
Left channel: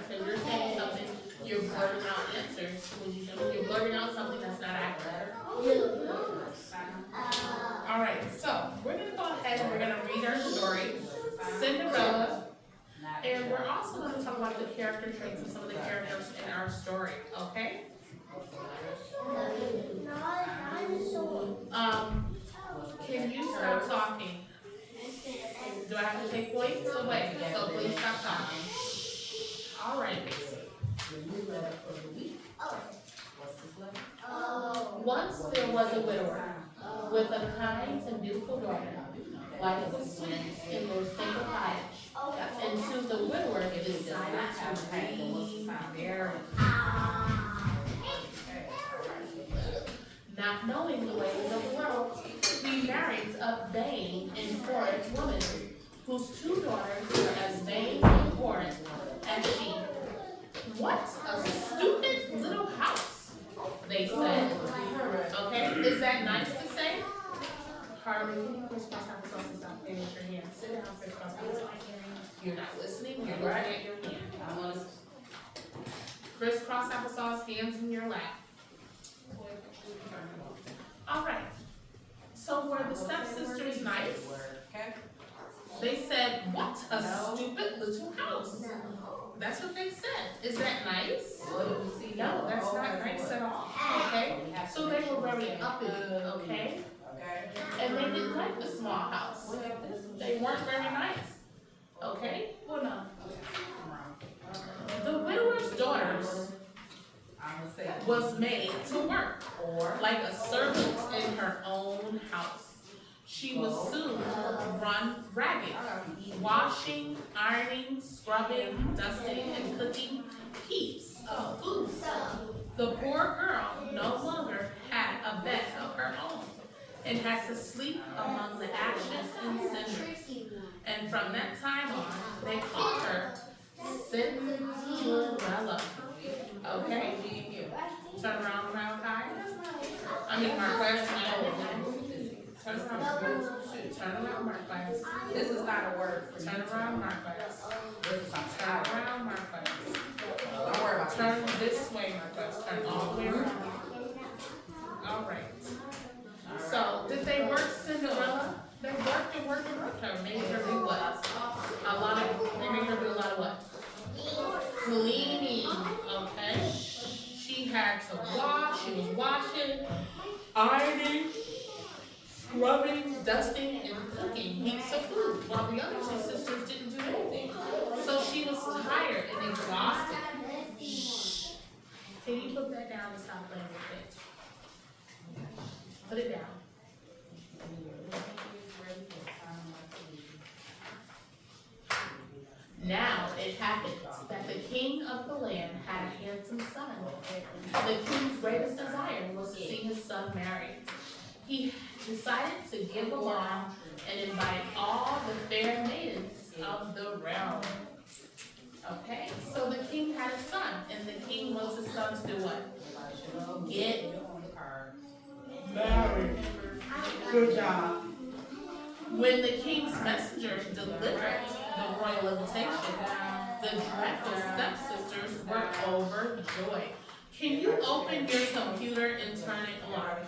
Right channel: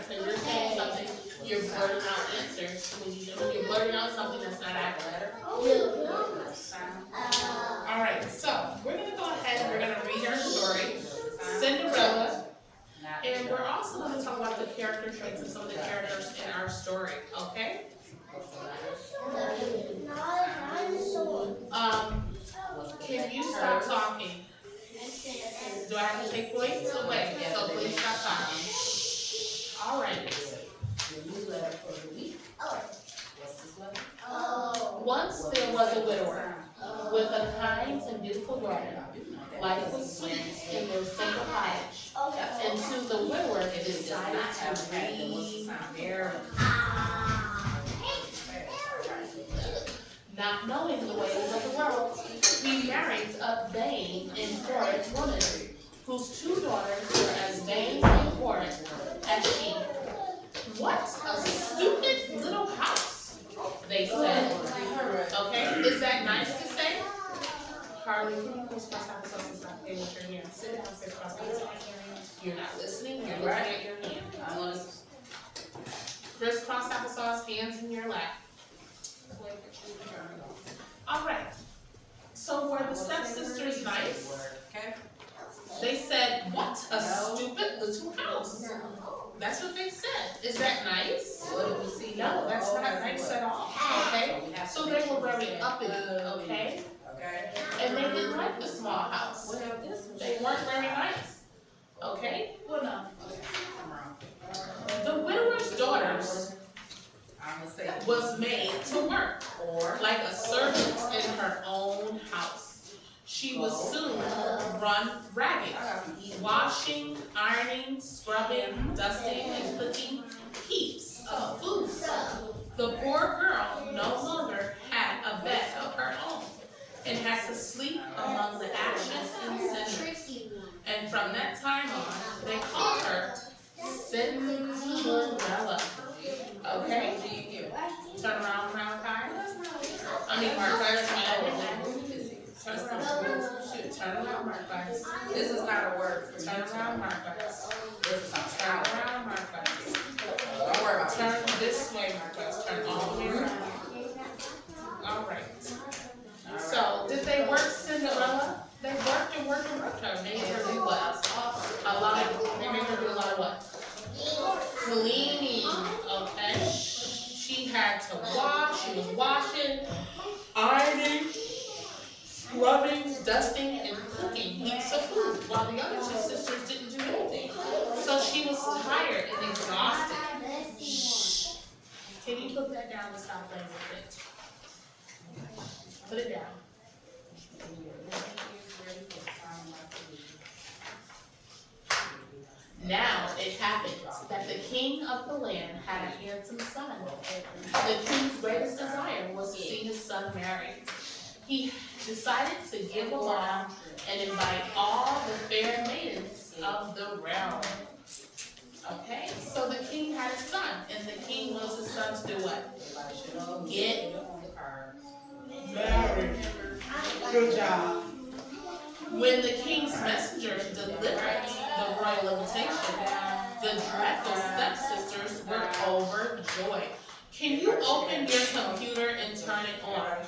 Because you're saying something, you're blurting out answers when you shouldn't. You're blurting out something that's not accurate. Alright, so we're going to go ahead and we're going to read our story, Cinderella, and we're also going to talk about the character traits of some of the characters in our story, okay? Can you stop talking? Do I have to take points away? So please stop talking. Alright. Once there was a widower with a kind and beautiful daughter. Life was sweet in their simple cottage. Until the widower decided to remarry. Not knowing the ways of the world, he married a vain and horrid woman, whose 2 daughters were as vain and horrid as she. What a stupid little house, they said. Okay, is that nice to say? Harley, can you crisscross applesauce and stop playing with your hand? Sit down, crisscross applesauce. You're not listening, you're looking at your hand. Crisscross applesauce, hands in your lap. Alright, so were the stepsisters nice? They said, what a stupid little house. That's what they said. Is that nice? No, that's not nice at all. Okay? So they were very uppity, okay? And they didn't like the small house. They weren't very nice. Okay? Well, no. was made to work, like a servant in her own house. She was soon run ragged, washing, ironing, scrubbing, dusting, and cooking heaps of food. The poor girl no longer had a bed of her own and had to sleep among the ashes and cinders. And from that time on, they called her Cinderella. Okay? Turn around, Malachi. I mean, Marquez. Turn around. Turn around, Marquez. This is not a word for you. Turn around, Marquez. This is not Turn power. around, Marquez. Don't worry about Turn this way, Marquez. Turn all the way around. All right. So, did they work Cinderella? They worked and worked and worked her. Made her do what? They made her do a lot of what? Cleaning, okay? She had to wash, she was washing, ironing, scrubbing, dusting, and cooking heaps of food, while the other two sisters didn't do anything. So she was tired and exhausted. Shh. Can you put that down and stop playing with it? Put it down. Now it happened that the king of the land had a handsome son. The king's greatest desire was to see his son married. He decided to give a ball and invite all the fair maidens of the realm. Okay, so the king had a son, and the king wants his son to do what? Get married. Good job. When the king's messengers delivered the royal invitation, the dreadful stepsisters were overjoyed. Can you open your computer and turn it on?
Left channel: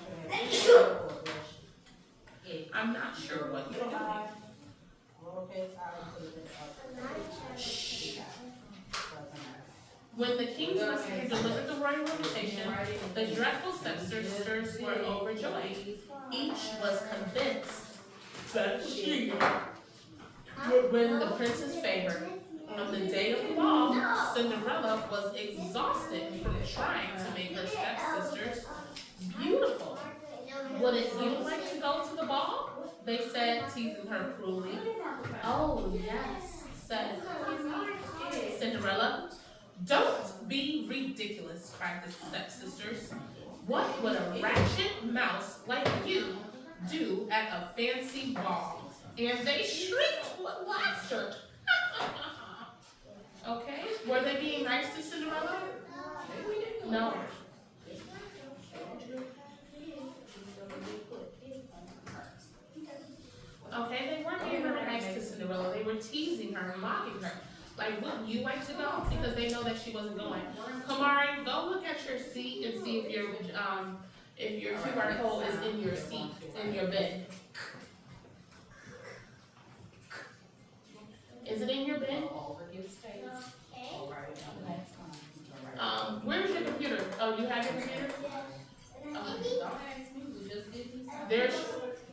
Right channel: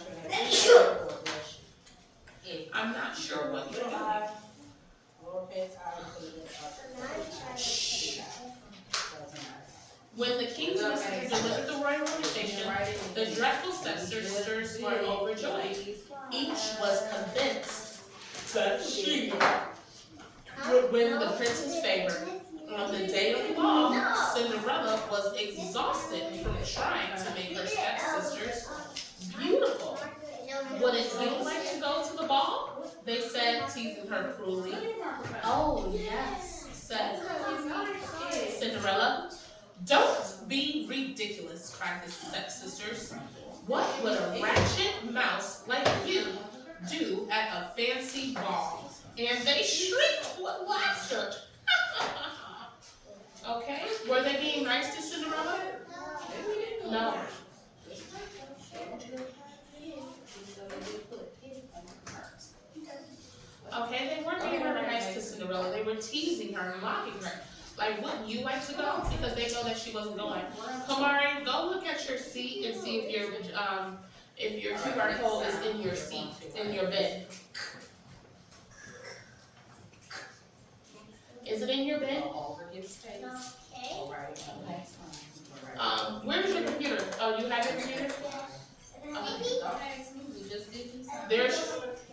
I'm not sure what you're doing. When the king's messengers delivered the royal invitation, the dreadful stepsisters were overjoyed. Each was convinced that she would win the prince's favor. On the day of the ball, Cinderella was exhausted from trying to make her stepsisters beautiful. Wouldn't you like to go to the ball? They said, teasing her cruelly. Oh, yes, said Cinderella. Don't be ridiculous, cried the stepsisters. What would a ratchet mouse like you do at a fancy ball? And they shrieked with laughter. Okay, were they being nice to Cinderella? No. Okay, they weren't being very nice to Cinderella. They were teasing her and mocking her. Like, wouldn't you like to go? Because they know that she wasn't going. Kamari, go look at your seat and see if your QR code is in your seat, in your bed. Is it in your bed? Where's your computer? Oh, you have your computer?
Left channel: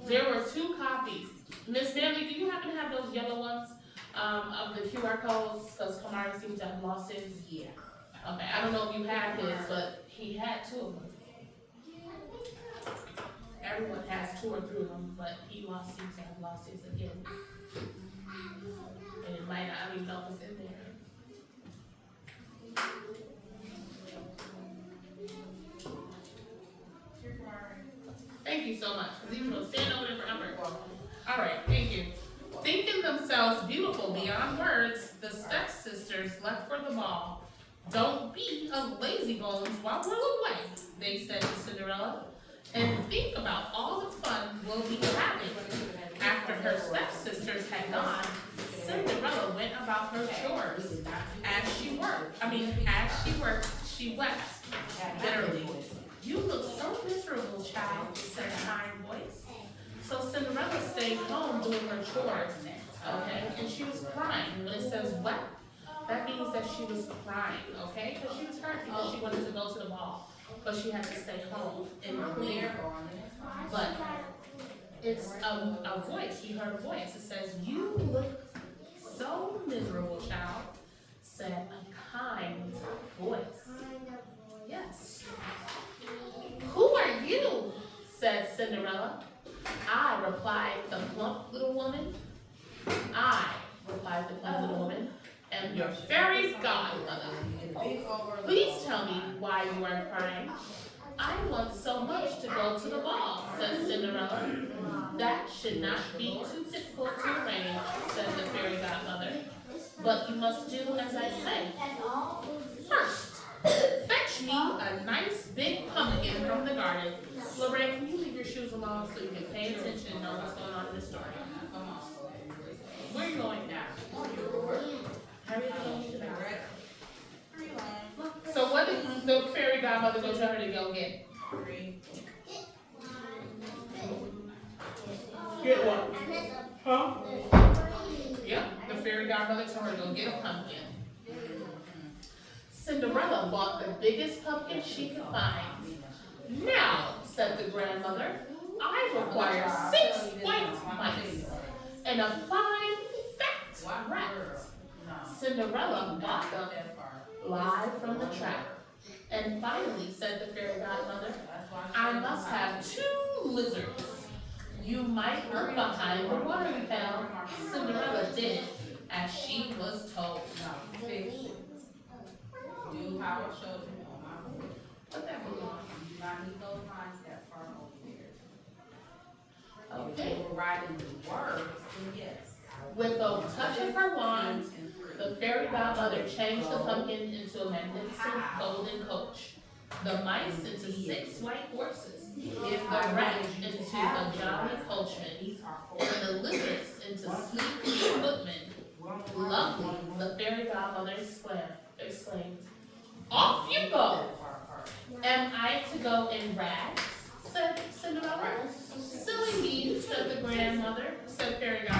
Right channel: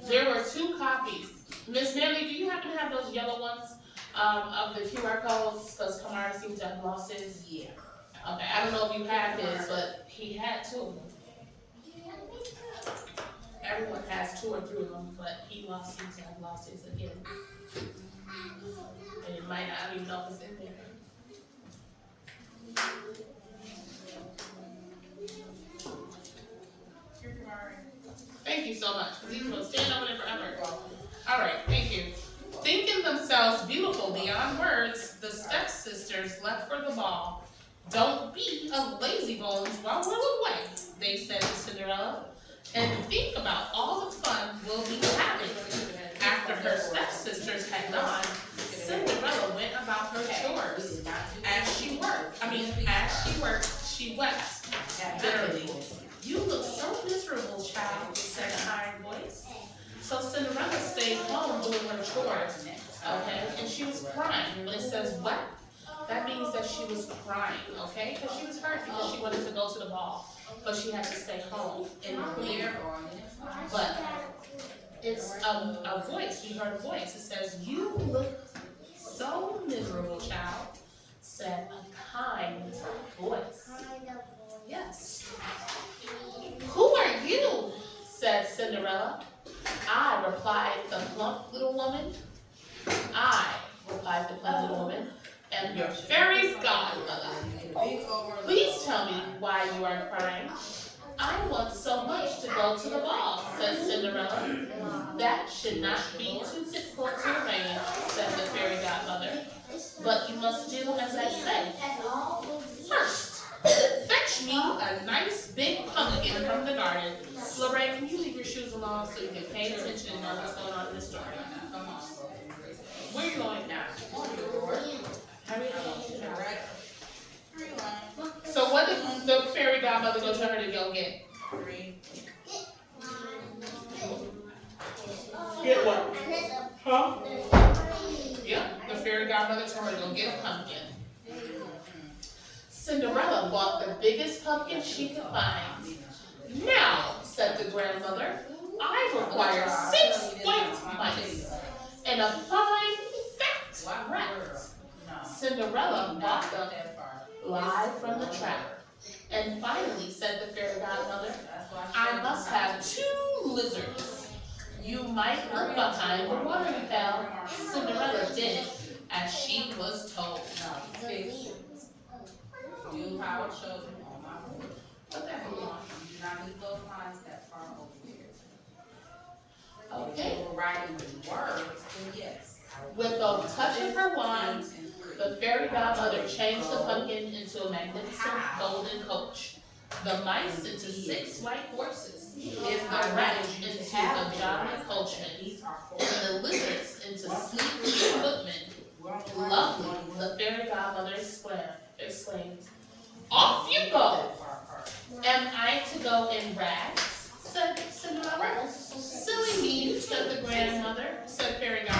There were 2 copies. Miss Nelly, do you happen to have those yellow ones of the QR codes? Because Kamari seems to have lost his. Yeah. Okay, I don't know if you have his, but he had 2 of them. Everyone has 2 or 3 of them, but he seems to have lost his again. And it might not even know if it's in there. Thank you so much, because he's going to stand over there forever. All right, thank you. Thinking themselves beautiful beyond words, the stepsisters left for the ball. Don't be a lazy bones while we're away, they said to Cinderella. And think about all the fun we'll be having. After her stepsisters had gone, Cinderella went about her chores. As she worked, she wept bitterly. You look so miserable, child, said a kind voice. So Cinderella stayed home doing her chores, okay? And she was crying. When it says wept, that means that she was crying, okay? Because she was hurt because she wanted to go to the ball, but she had to stay home and clear. But it's a voice. He heard a voice. It says, you look so miserable, child, said a kind voice. Yes. replied the plump little woman. I, replied the plump little woman, am your fairy godmother. Please tell me why you are crying. I want so much to go to the ball, said Cinderella. That should not be too difficult to arrange, said the fairy godmother. But you must do as I say. First, fetch me a nice big pumpkin from the garden. Lorraine, can you leave your shoes alone so you can pay attention and know what's going on in the story? Where are you going now? Hurry up. So what did the fairy godmother go tell her to go get? Get what? Huh? Yep, the fairy godmother told her to go get a pumpkin. Cinderella bought the biggest pumpkin she could find. Now, said the grandmother, I require 6 white mice and a fine fat rat. Cinderella bought them live from the trap. And finally, said the fairy godmother, I must have 2 lizards. You might look behind the watering pail. Cinderella did as she was told. Do how it shows you on my board. Put that blue on. Do not leave those lines that far over here. Okay. If you were writing the words, then yes. With a touch of her wand, the fairy godmother changed the pumpkin into a magnificent golden coach, the mice into 6 white horses, the rat into the jolly coachman, and the lizards into sleek footmen. Lovely, the fairy godmother exclaimed. Off you go! Am I to go in rags? Said Cinderella. Silly me, said the grandmother, said fairy godmother.